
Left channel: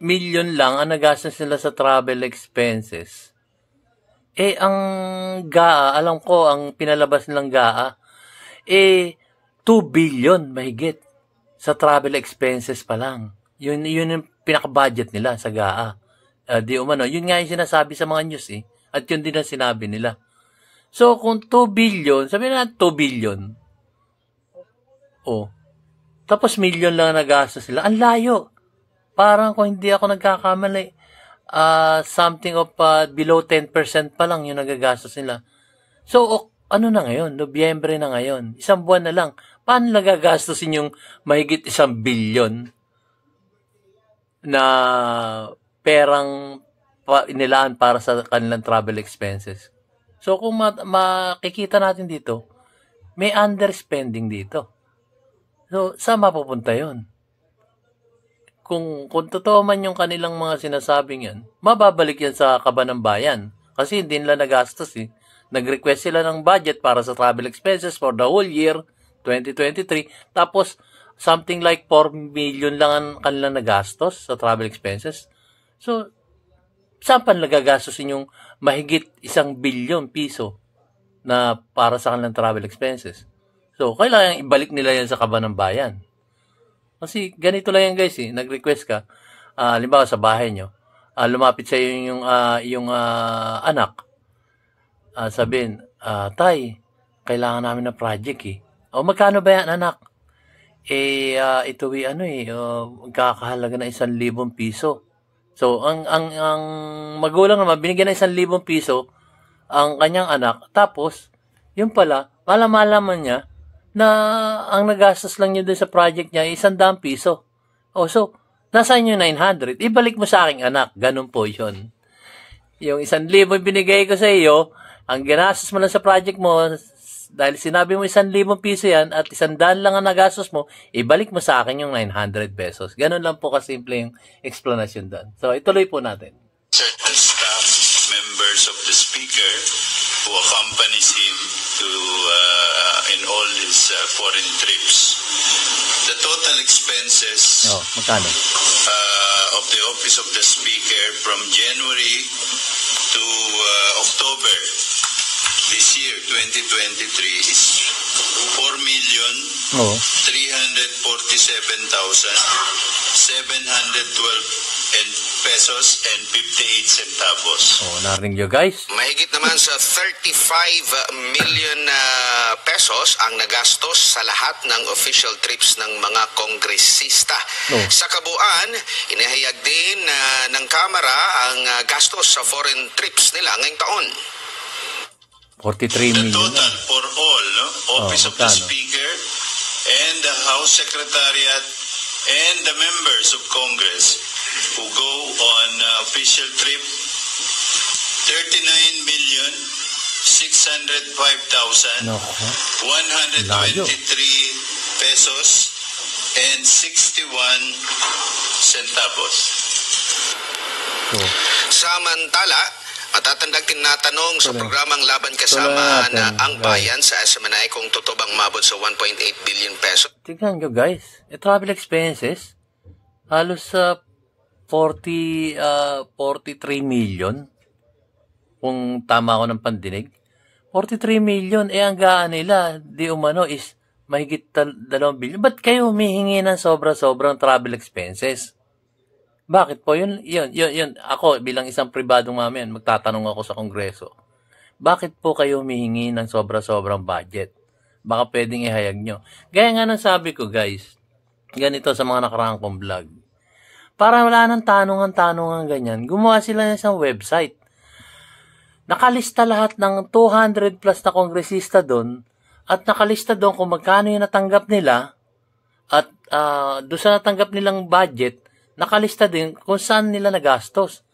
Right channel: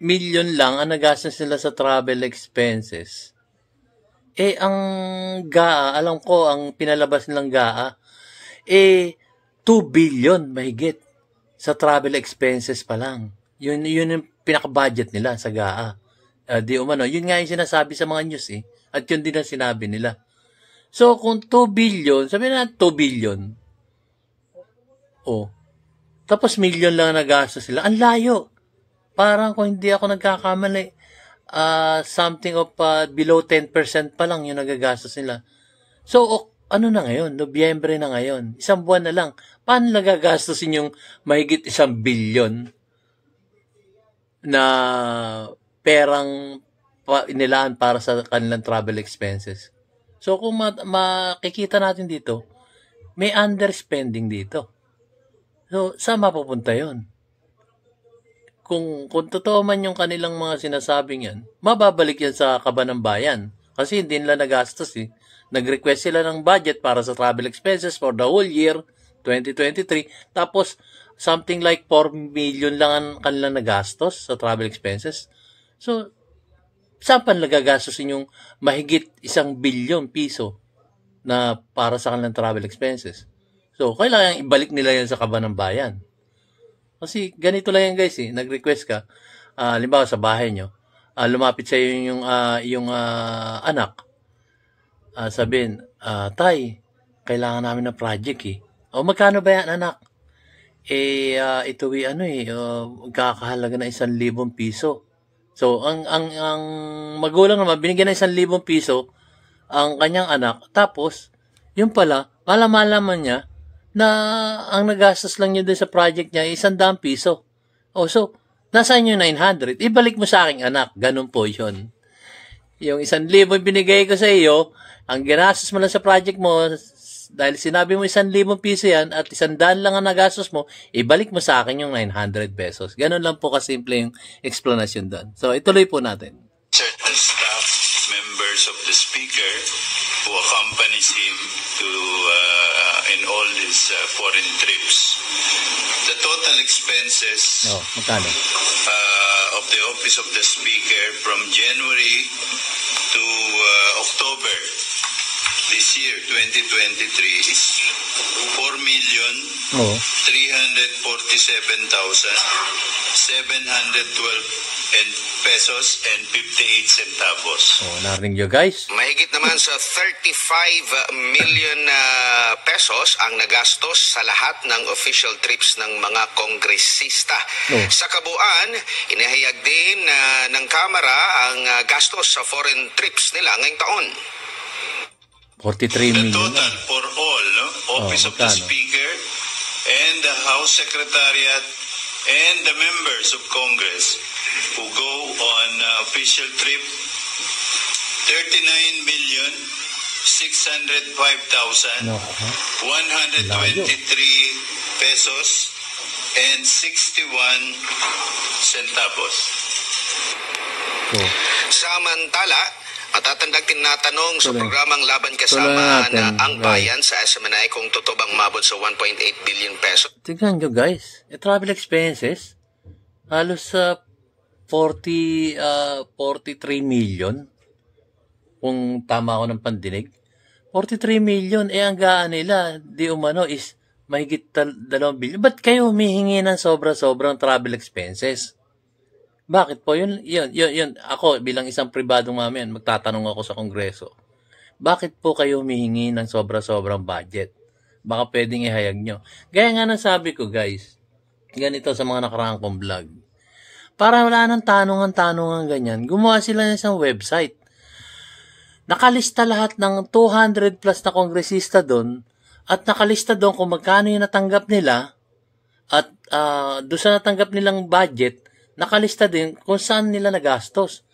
milyon lang ang nagastos nila sa travel expenses, ang GAA, alam ko, ang pinalabas nilang GAA, 2 billion mahigit sa travel expenses pa lang. Yun yung pinaka-budget nila sa GAA. Di umano, yun nga yung sinasabi sa mga news At yun din ang sinabi nila. So, kung 2 billion, sabihin na 2 billion. Tapos million lang nagastos sila. Ang layo. Parang kung hindi ako nagkakamali, something of below 10% pa lang yung nagagastos nila. So, ano na ngayon? Nobyembre na ngayon. 1 buwan na lang. Paano nagagastosin yung mahigit 1 billion na perang inilaan para sa kanilang travel expenses? So, kung makikita natin dito, may underspending dito. So, saan mapupunta yun? Kung totoo man yung kanilang mga sinasabing yan, mababalik yan sa kaban ng bayan. Kasi hindi nila nagastos Nag-request sila ng budget para sa travel expenses for the whole year, 2023. Tapos, something like 4 million lang ang kanilang nagastos sa travel expenses. So, saan pa nagagastosin yung mahigit 1 billion piso na para sa kanilang travel expenses? So, kailangan ibalik nila yan sa kaban ng bayan. Kasi ganito lang yan, guys. Nag-request ka, halimbawa sa bahay nyo, lumapit sa iyo yung anak. Sabihin, Tay, kailangan namin ng project magkano ba yan, anak? Ito magkakahalaga na 1,000 piso. So, ang magulang naman, binigyan ng 1,000 piso ang kanyang anak. Tapos, yun pala, malaman niya na ang nagastos lang niya doon sa project niya ay 100 piso. So, nasaan yung 900? Ibalik mo sa aking anak. Ganun po yun. Yung 1,000 binigay ko sa iyo, ang ginastos mo lang sa project mo, dahil sinabi mo 1,000 piso yan at 100 lang ang nagastos mo, ibalik mo sa akin yung 900 pesos. Ganun lang po kasimple yung explanation doon. So, ituloy po natin. Certain staff members of the Speaker who accompanies him to in all his foreign trips. The total expenses magkano? Of the Office of the Speaker from January to October this year, 2023, is 4,347,712 pesos and 58 centavos. Narinig nyo, guys? Mahigit naman sa 35 million pesos ang nagastos sa lahat ng official trips ng mga kongresista. Sa kabuuan, inihayag din ng Kamara ang gastos sa foreign trips nila ngayong taon. 43 million. The total for all, Office of the Speaker and the House Secretariat and the members of Congress who go on official trip, 39,605,123 pesos and 61 centavos. Samantala, matatandang tinatanong sa programang Laban Kasama na ang bayan sa SMNI kung totoo bang mabot sa 1.8 billion pesos. Tignan nyo, guys. Travel expenses, halos sa 43 million. Kung tama ako ng pandinig. 43 million. Ang gaan nila, di umano, is mahigit 2 billion. Ba't kayo humihingi ng sobra-sobrang travel expenses? Bakit po? Yun. Ako, bilang isang pribadong mamayan, magtatanong ako sa Kongreso. Bakit po kayo humihingi ng sobra-sobrang budget? Baka pwedeng ihayag nyo. Gaya nga ng sabi ko, guys, ganito sa mga nakaraang kong vlog. Para wala nang tanungan ganyan, gumawa sila ng isang website. Nakalista lahat ng 200 plus na kongresista doon At nakalista doon kung magkano yung natanggap nila at doon sa natanggap nilang budget, nakalista din kung saan nila nagastos.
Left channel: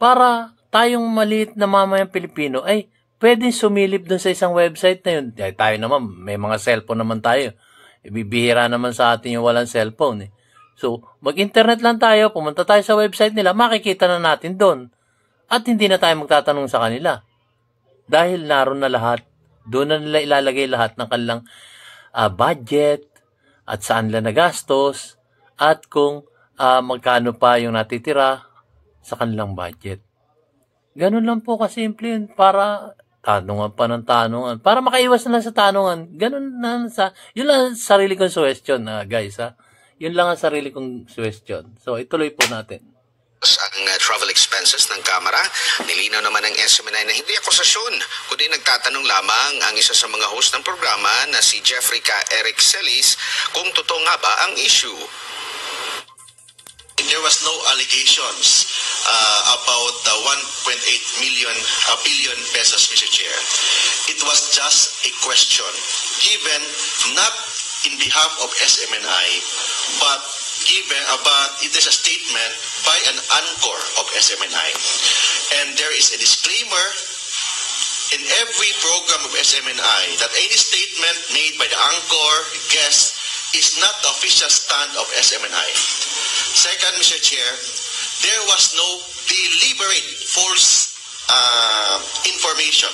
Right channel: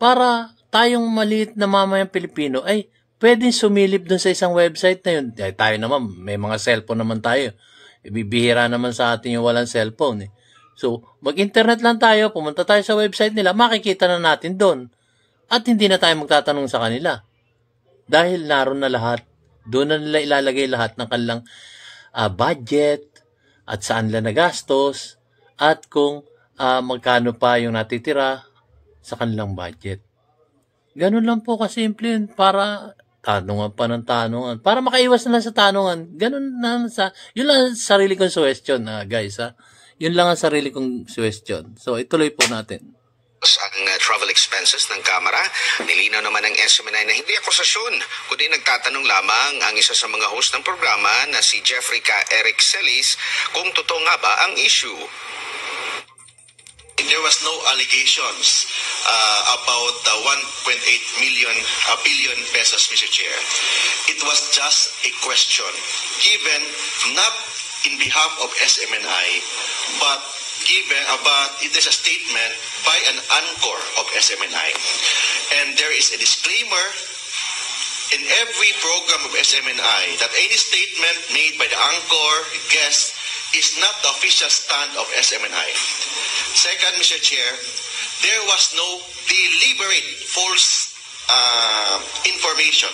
Para tayong maliit na mamayang Pilipino ay pwedeng sumilip doon sa isang website na yun. Ay, tayo naman, may mga cellphone naman tayo. Ibibihira naman sa atin yung walang cellphone. Eh. So, mag-internet lang tayo, pumunta tayo sa website nila, makikita na natin doon. At hindi na tayo magtatanong sa kanila. Dahil naroon na lahat, doon na nila ilalagay lahat ng kanilang budget at saan nila nagastos at kung magkano pa yung natitira sa kanilang budget. Ganun lang po kasimple yun para tanungan pa ng tanungan. Para makaiwas na lang sa tanungan. Ganun na yun lang ang sarili kong suggestion, guys. Yun lang ang sarili kong suggestion. So, ituloy po natin. Ang travel expenses ng Kamara, nilinaw naman ng SMNI na hindi akusasyon, kundi nagtatanong lamang ang isa sa mga host ng programa na si Jeffrey K. Eric Celis kung totoo nga ba ang issue. There was no allegations about the 1.8 billion pesos, Mr. Chair. It was just a question given not in behalf of SMNI, but it is a statement by an anchor of SMNI. And there is a disclaimer in every program of SMNI that any statement made by the anchor, guest, is not the official stand of SMNI. Second, Mr. Chair, there was no deliberate false information.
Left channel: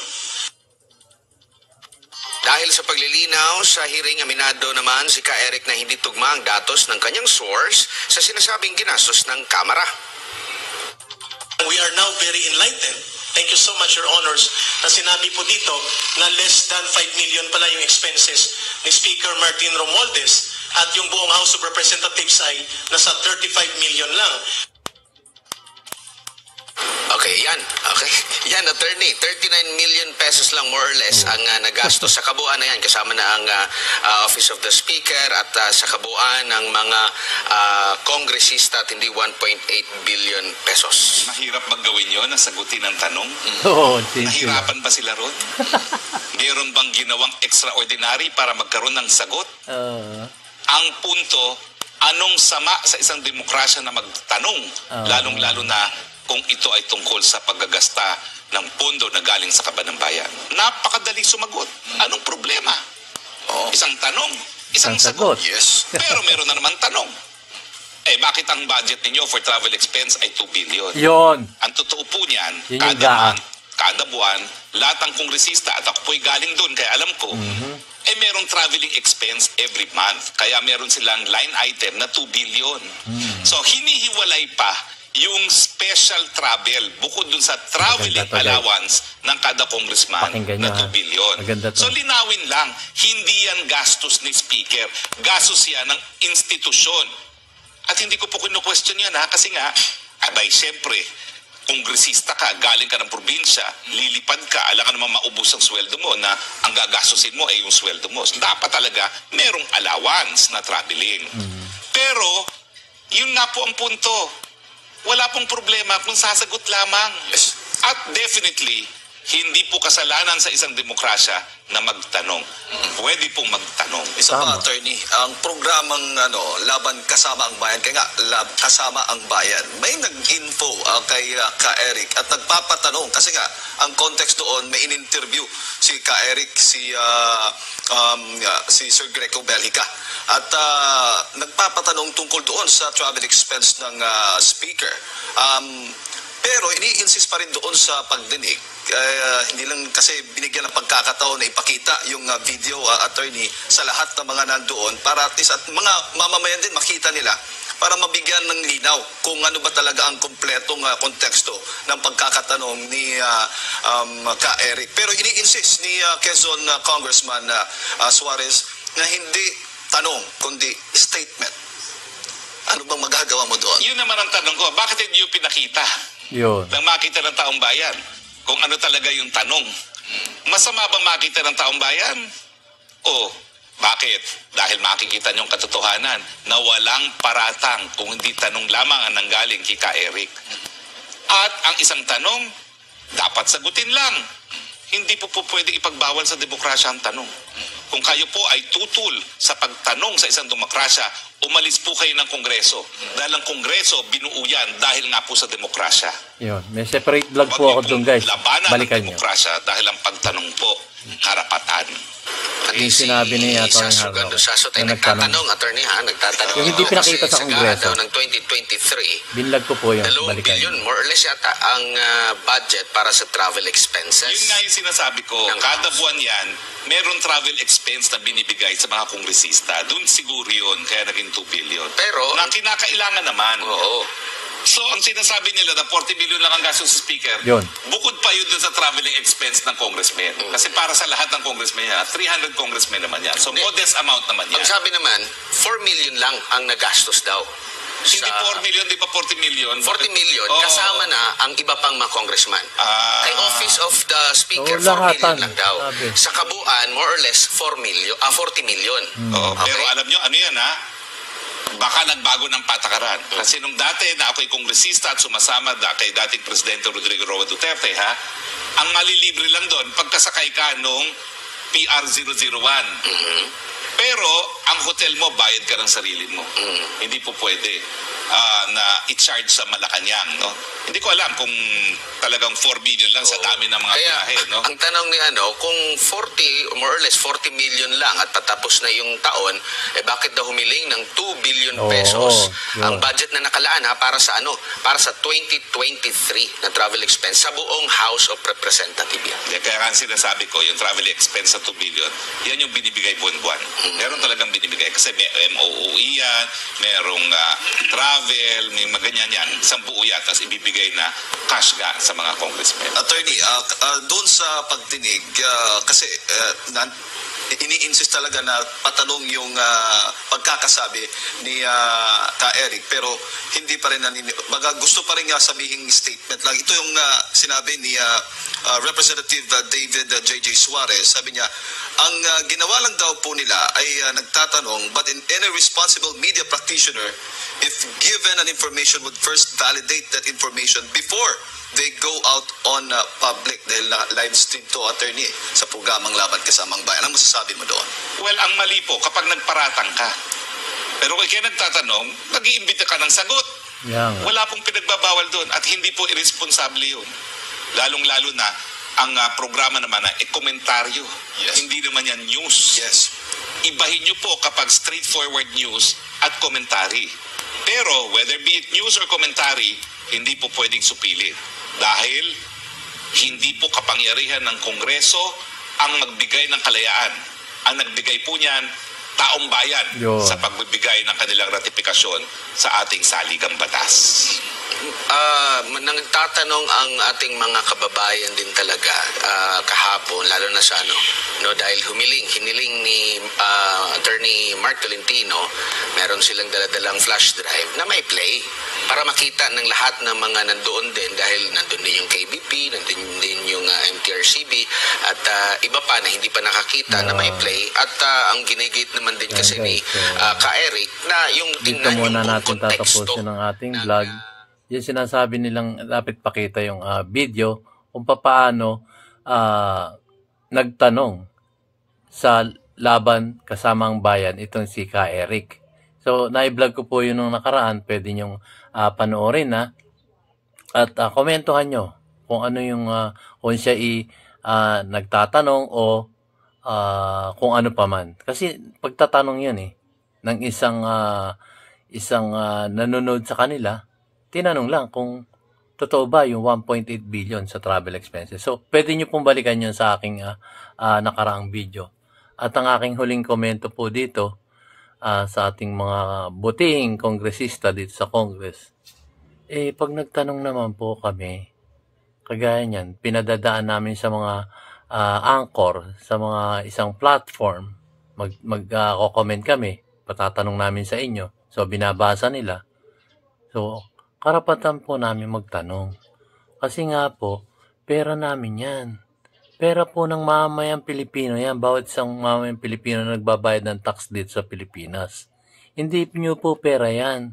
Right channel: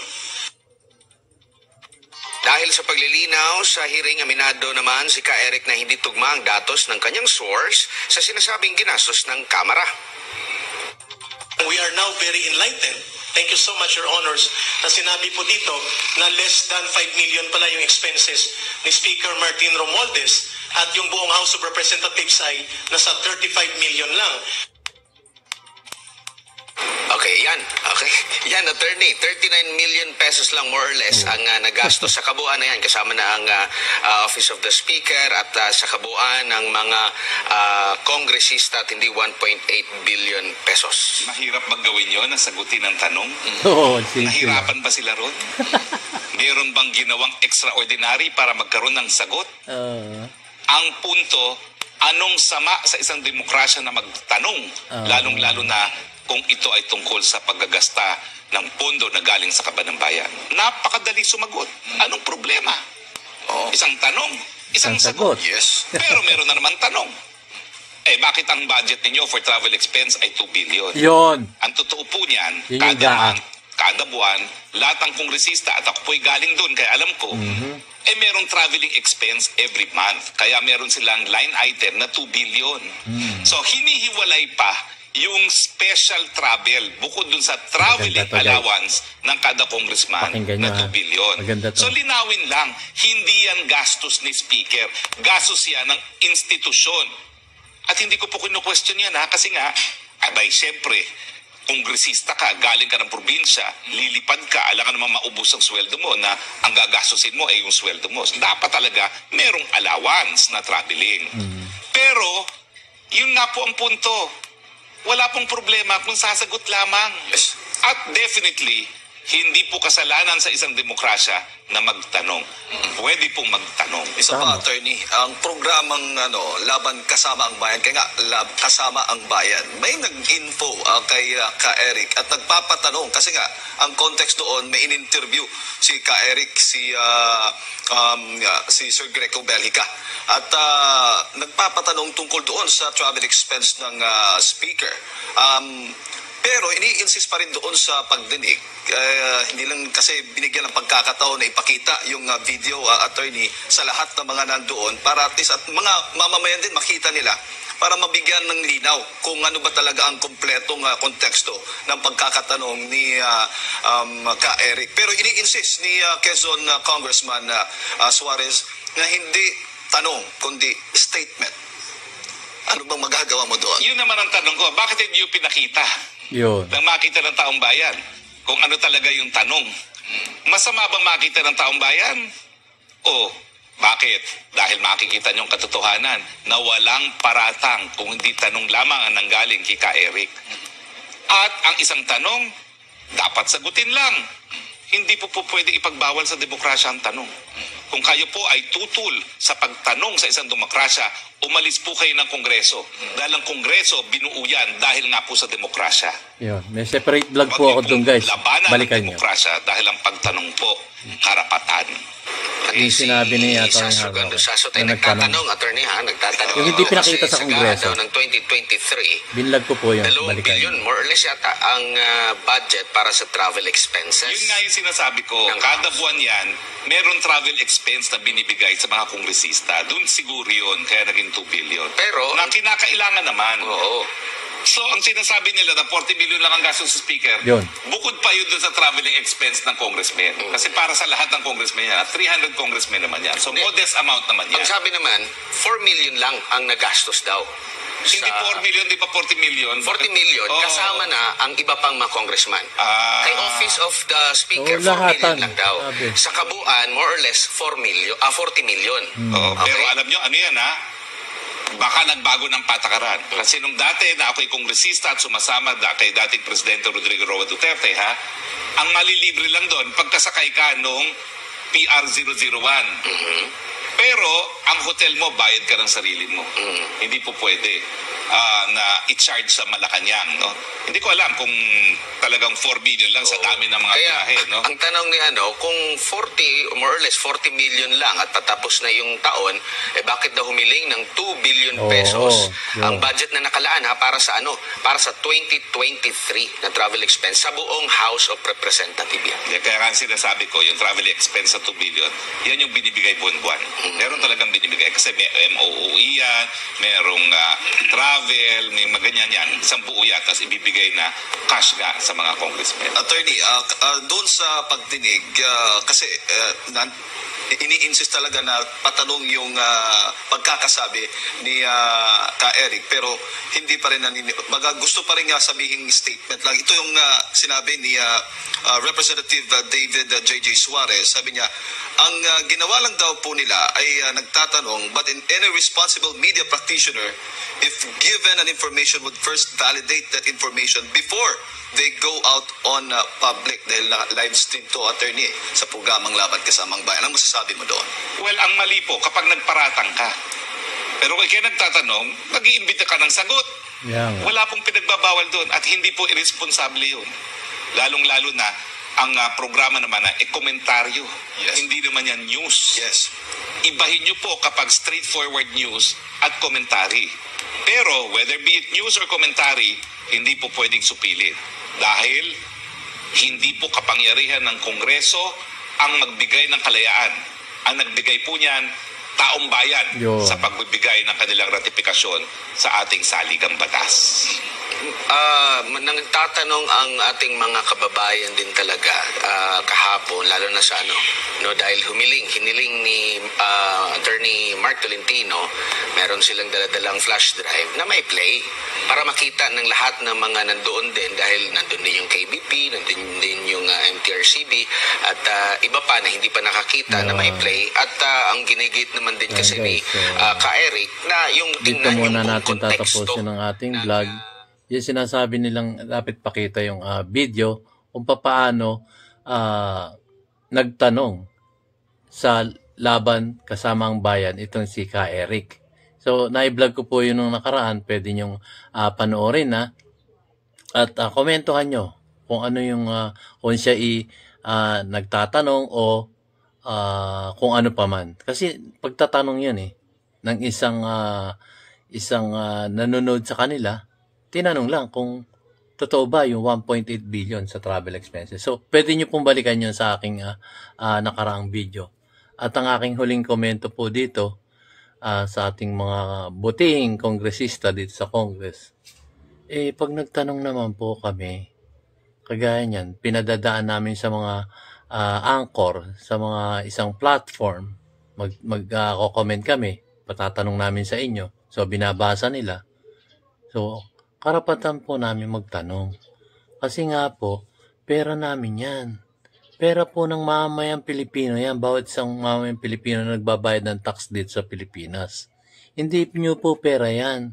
Dahil sa paglilinaw sa hearing, aminado naman si Ka Eric na hindi tugma ang datos ng kanyang source sa sinasabing ginastos ng Kamara. We are now very enlightened. Thank you so much, Your Honors, na sinabi po dito na less than 5 million pala yung expenses ni Speaker Martin Romualdez at yung buong House of Representatives ay nasa 35 million lang. Okay, yan. Okay. Yan, attorney. 39 million pesos lang more or less ang nagastos sa kabuuan na yan. Kasama na ang Office of the Speaker at sa kabuuan ng mga kongresista at hindi 1.8 billion pesos. Mahirap bang gawin yun, nasagutin ang tanong? Oo, Nahirapan ba sila ron? Meron bang ginawang extraordinary para magkaroon ng sagot? Ang punto, anong sama sa isang demokrasya na magtanong, lalong-lalo na kung ito ay tungkol sa paggagasta ng pondo na galing sa kaban ng bayan. Napakadali sumagot. Anong problema? Isang tanong, isang sagot. Yes. Pero meron na naman tanong. Bakit ang budget ninyo for travel expense ay 2 billion? Yun. Ang totoo po niyan, Yun kada yung month, kada buwan, lahat ng kongresista, at ako po'y galing doon, kaya alam ko, merong traveling expense every month. Kaya meron silang line item na 2 billion. So, hinihiwalay pa yung special travel bukod dun sa traveling allowance ng kada congressman na 2 billion. So linawin lang, hindi yan gastos ni Speaker. Gastos yan ng institusyon. At hindi ko po kinu-question yan kasi nga, abay siyempre, kongresista ka, galing ka ng probinsya, lilipad ka, alam ka naman maubos ang sweldo mo na ang gagastusin mo ay yung sweldo mo. So, dapat talaga merong allowance na traveling. Pero, yun nga po ang punto. Wala pong problema kung sasagot lamang. Yes. At definitely, hindi po kasalanan sa isang demokrasya na magtanong. Pwede pong magtanong. Isa pa, attorney, ang programang Laban Kasama ang Bayan, kaya nga, Kasama ang Bayan, may nag-info kay Ka Eric at nagpapatanong kasi nga, ang context doon, may in-interview si Ka Eric, si Sir Greco Bellica. At nagpapatanong tungkol doon sa travel expense ng speaker. Pero ini-insist pa rin doon sa pagdinig. Hindi lang kasi binigyan ng pagkakataon na ipakita yung video, attorney, sa lahat ng mga nandoon para at least at mga mamamayan din makita nila para mabigyan ng linaw kung ano ba talaga ang kompletong konteksto ng pagkakatanong ni Ka Eric. Pero ini-insist ni Quezon Congressman Suarez na hindi tanong kundi statement. Ano bang magagawa mo doon? Yun naman ang tanong ko, bakit hindi yung pinakita? Yun. Nang makita ng taong bayan kung ano talaga yung tanong. Masama bang makita ng taong bayan? O bakit? Dahil makikita niyong katotohanan na walang paratang kung hindi tanong lamang ang nanggaling kay Ka Eric. At ang isang tanong, dapat sagutin lang. hindi po pwede ipagbawal sa demokrasya ang tanong. Kung kayo po ay tutul sa pagtanong sa isang demokrasya, umalis po kayo ng Kongreso. Dahil ang Kongreso, binuo yan dahil nga po sa demokrasya. Yun. May separate vlog Huwag po ako niyo dun, pong guys. labanan Balikan ang nyo. demokrasya dahil ang pagtanong po, karapatan. Yung sinabi ni Atty. Sasso Hardo. Gandosasot ay Yung nagtanong. nagtatanong, attorney ha, nagtatanong. Yung hindi ito pinakita kasi sa Kongreso. daw ng 2023, Binlag ko po yun. 2 Balikan billion nyo. more or less yata ang budget para sa travel expenses. Yun nga yung sinasabi ko, Ng kada House. buwan yan, meron travel expense na binibigay sa mga kongresista. Doon siguro yun, kaya naging 2 billion. Pero, na kinakailangan naman. oo. So, ang sinasabi nila na 40 million lang ang gastos sa speaker, Yun. bukod pa yun dun sa traveling expense ng congressman. Kasi para sa lahat ng congressman yan, 300 congressmen naman yan. So, modest amount naman yan. Ang sabi naman, 4 million lang ang nagastos daw. Hindi 4 million, di ba 40 million? 40 million, Oo. kasama na ang iba pang mga congressman. Ah. Kay Office of the Speaker, Oo, 4 lahatan. million lang daw. Sabi. Sa kabuuan, more or less, 40 million. Oo, Okay. pero alam nyo, ano yan ha? Baka nagbago ng patakaran. Kasi nung dati na ako'y kongresista at sumasama kay dating Presidente Rodrigo Roa Duterte, ha? Ang malilibre lang doon, pagkasakay ka nung PR001. Pero, ang hotel mo, bayad ka ng sarili mo. Hindi po pwede na i-charge sa Malacanang, no? Hindi ko alam kung talagang 4 million lang sa dami ng mga Kaya, biyahe, no? ang tanong ni kung 40, more or less 40 million lang at patapos na yung taon, bakit daw humiling ng 2 billion Oo, pesos? yun. Ang budget na nakalaan para sa Para sa 2023 na travel expense sa buong House of Representatives yan. Kaya nga sinasabi ko, yung travel expense sa 2 billion, yan yung binibigay buwan-buwan. Meron talagang binibigay kasi may MOOE yan, merong travel, may maganyan yan. Isang buo yan, tapos ibibigay na cash nga sa mga congressmen. Attorney, doon sa pagdinig, kasi ini-insist talaga na patanong yung pagkakasabi ni Ka Eric, pero hindi pa rin gusto pa rin nga sabihing statement lang. Ito yung sinabi ni Representative David J.J. Suarez. Sabi niya, ang ginawa lang daw po nila ay nagtatanong, but in any responsible media practitioner, if given an information, would first validate that information before they go out on public, dahil live stream to, attorney, sa programang Laban Kasamang Bayan. Ang masasabi mo doon? Well, ang mali po, kapag nagparatang ka, pero kaya nagtatanong, mag-iimbita ka ng sagot. Yan. Wala pong pinagbabawal doon at hindi po irresponsable yun. Lalong-lalo na, ang programa naman na komentaryo. Yes. Hindi naman yan news. Yes. Ibahin nyo po kapag straightforward news at komentary. Pero whether be it news or commentary, hindi po pwedeng supilit. Dahil hindi po kapangyarihan ng Kongreso ang magbigay ng kalayaan. Ang nagbigay po niyan, taong bayan Yun. sa pagbibigay ng kanilang ratifikasyon sa ating saligang batas. Nagtatanong ang ating mga kababayan din talaga kahapon, lalo na sa dahil hiniling ni Attorney Mark Tolentino, meron silang daladalang flash drive na may play para makita ng lahat ng mga nandoon din, dahil nandun din yung KBP, nandun din yung MTRCB at iba pa na hindi pa nakakita na may play, at ang ginigit naman din kasi ni Ka Eric na yung Dito tingnan yung muna buong natin konteksto tatapusin ang ating ng, vlog. Yung sinasabi nilang dapat pakita yung video kung paano nagtanong sa Laban Kasamang Bayan itong si Ka Eric. So, na-vlog ko po yun nung nakaraan. Pwede nyong panoorin at komentuhan nyo kung ano yung kung siya nagtatanong o kung ano pa man. Kasi pagtatanong yun ng isang nanonood sa kanila, tinanong lang kung totoo ba yung 1.8 billion sa travel expenses. So, pwede nyo pong balikan yun sa aking nakaraang video. At ang aking huling komento po dito sa ating mga butihing kongresista dito sa Congress. Pag nagtanong naman po kami, kagaya niyan, pinadadaan namin sa mga anchor, sa mga isang platform, mag-comment kami, patatanong namin sa inyo. So, binabasa nila. So, karapatan po namin magtanong. Kasi nga po, pera namin yan. Pera po ng mamamayang Pilipino yan. Bawat isang mamamayang Pilipino na nagbabayad ng tax dito sa Pilipinas. Hindi nyo po pera yan.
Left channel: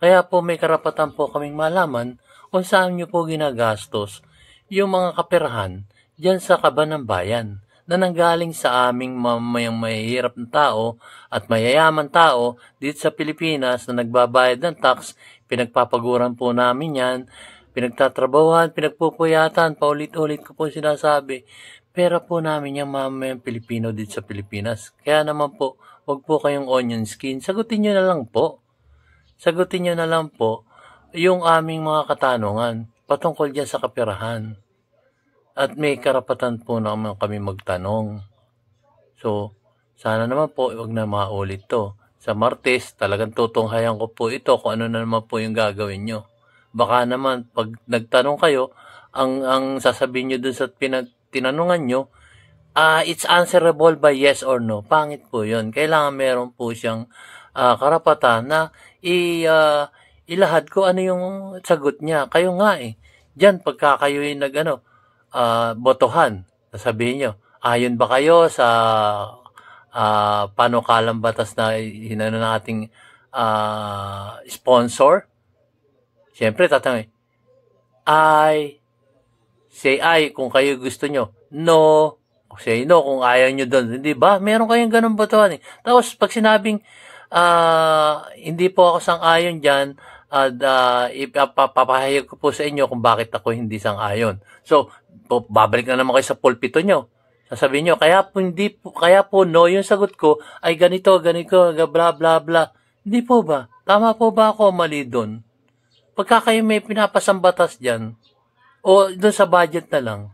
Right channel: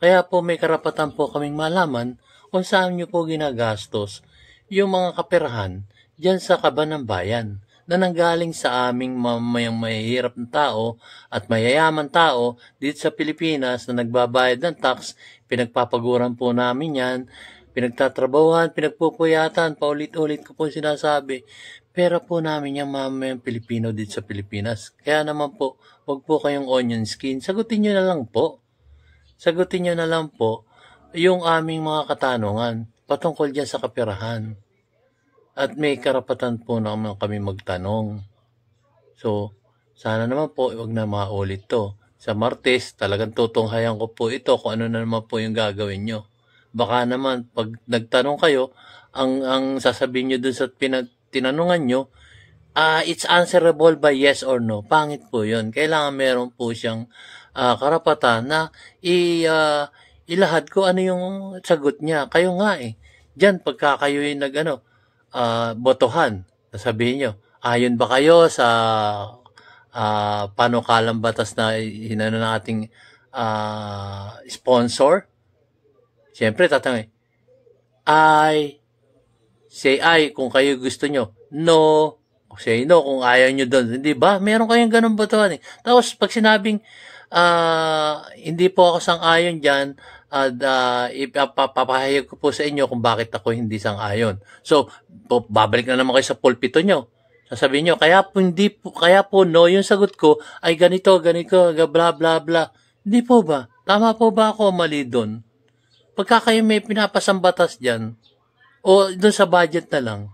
Kaya po may karapatan po kaming malaman kung saan nyo po ginagastos yung mga kaperahan dyan sa kaban ng bayan na nanggaling sa aming mamayang mahihirap na tao at mayayaman tao dito sa Pilipinas na nagbabayad ng tax. Pinagpapaguran po namin yan, pinagtatrabahuhan, pinagpupuyatan, paulit-ulit ko po sinasabi. Pera po namin yung mamayang Pilipino dito sa Pilipinas. Kaya naman po, wag po kayong onion skin. Sagutin nyo na lang po. Sagutin nyo na lang po yung aming mga katanungan patungkol dyan sa kapirahan. At may karapatan po naman kami magtanong. So, sana naman po, wag na maulit to. Sa Martes, talagang tutunghayan ko po ito kung ano na naman po yung gagawin nyo. Baka naman, pag nagtanong kayo, ang sasabihin nyo dun sa tinanungan nyo, it's answerable by yes or no. Pangit po yun. Kailangan meron po siyang karapatan na ilahad ko ano yung sagot niya. Kayo nga Diyan, pagka kayo yung botohan, sasabihin nyo, ayon ba kayo sa panukalang batas na hinano ng ating sponsor? Siyempre, tatanungin, say I kung kayo gusto nyo. No. Say no kung ayaw nyo doon. Hindi ba? Meron kayong ganun botohan Tapos, pag sinabing, hindi po ako sang-ayon dyan, ipapahayag ko po sa inyo kung bakit ako hindi sang-ayon. So, babalik na naman kayo sa pulpito nyo. Sasabihin nyo, kaya po no, yung sagot ko ay ganito, bla bla bla. Hindi po ba? Tama po ba ako mali doon? Pagka kayo may pinapasang batas dyan, o doon sa budget na lang,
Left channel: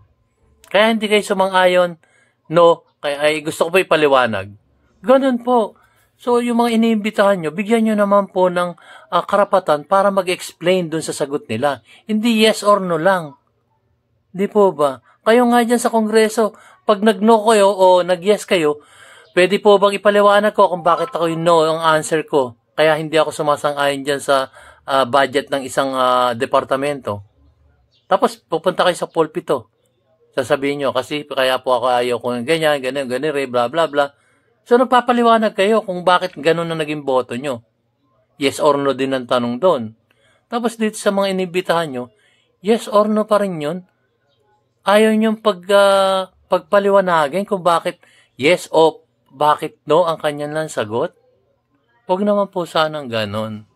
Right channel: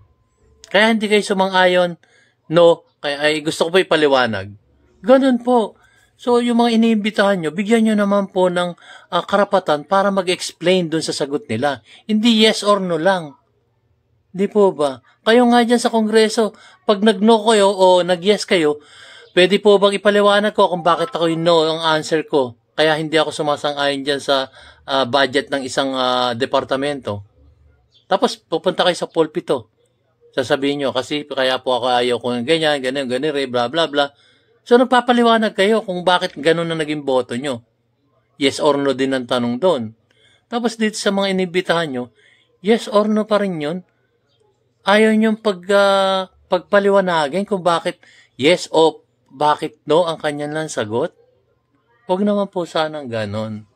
kaya hindi kayo sumang-ayon, no, kaya ay gusto ko po ipaliwanag. Ganun po. So, yung mga iniimbitahan nyo, bigyan nyo naman po ng karapatan para mag-explain dun sa sagot nila. Hindi yes or no lang. Di po ba? Kayo nga dyan sa Kongreso, pag nag-no kayo o nag-yes kayo, pwede po bang ipaliwanag ko kung bakit ako yung no ang answer ko? Kaya hindi ako sumasang-ayon dyan sa budget ng isang departamento. Tapos, pupunta kayo sa pulpito. Sasabihin nyo, kasi kaya po ako ayaw kung ganyan, bla bla bla. So, nagpapaliwanag kayo kung bakit ganun na naging boto nyo. Yes or no din ang tanong doon. Tapos dito sa mga inibitahan nyo, yes or no pa rin yun. Ayaw nyo pagpaliwanagin kung bakit yes o bakit no ang kanyang lang sagot. Huwag naman po sanang ganon.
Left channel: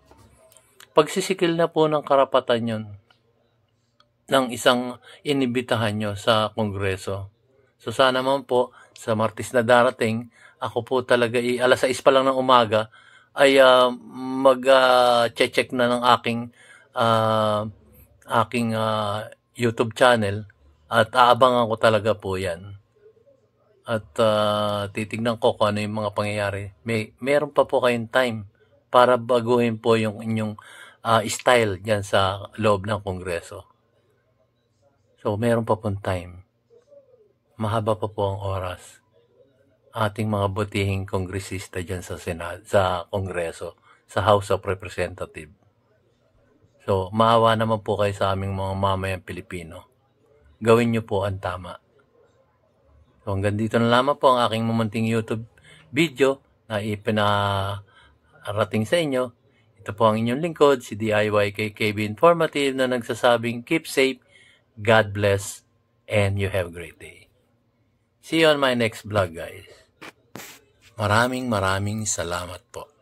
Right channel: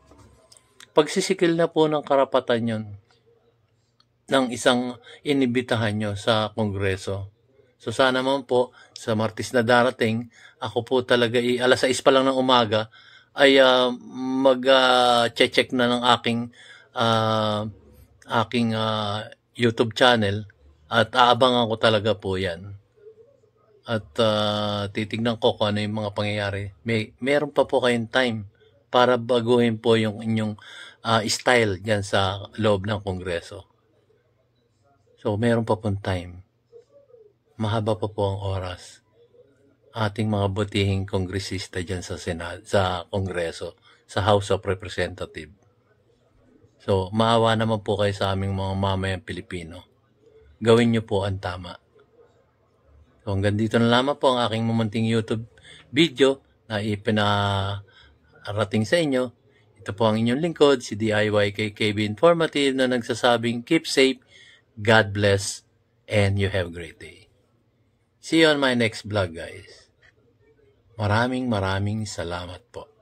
Pagsisikil na po ng karapatan yun ng isang inibitahan nyo sa Kongreso. So sana naman po sa Martes na darating, ako po talaga alas 6 pa lang ng umaga ay mag-check na ng aking YouTube channel at aabangan ko talaga po yan. At titignan ko kung ano yung mga pangyayari. Meron pa po kayong time para baguhin po yung inyong style dyan sa loob ng Kongreso. So meron pa pong time. Mahaba pa po ang oras. Ating mga butihing kongresista dyan sa Kongreso, sa House of Representatives. So, maawa naman po kayo sa aming mga mamayang Pilipino. Gawin nyo po ang tama. So, hanggang dito na lamang po ang aking mumunting YouTube video na ipinarating sa inyo. Ito po ang inyong lingkod, si DIY KKB Informative na nagsasabing keep safe, God bless, and you have a great day. See you on my next vlog, guys. Maraming salamat po.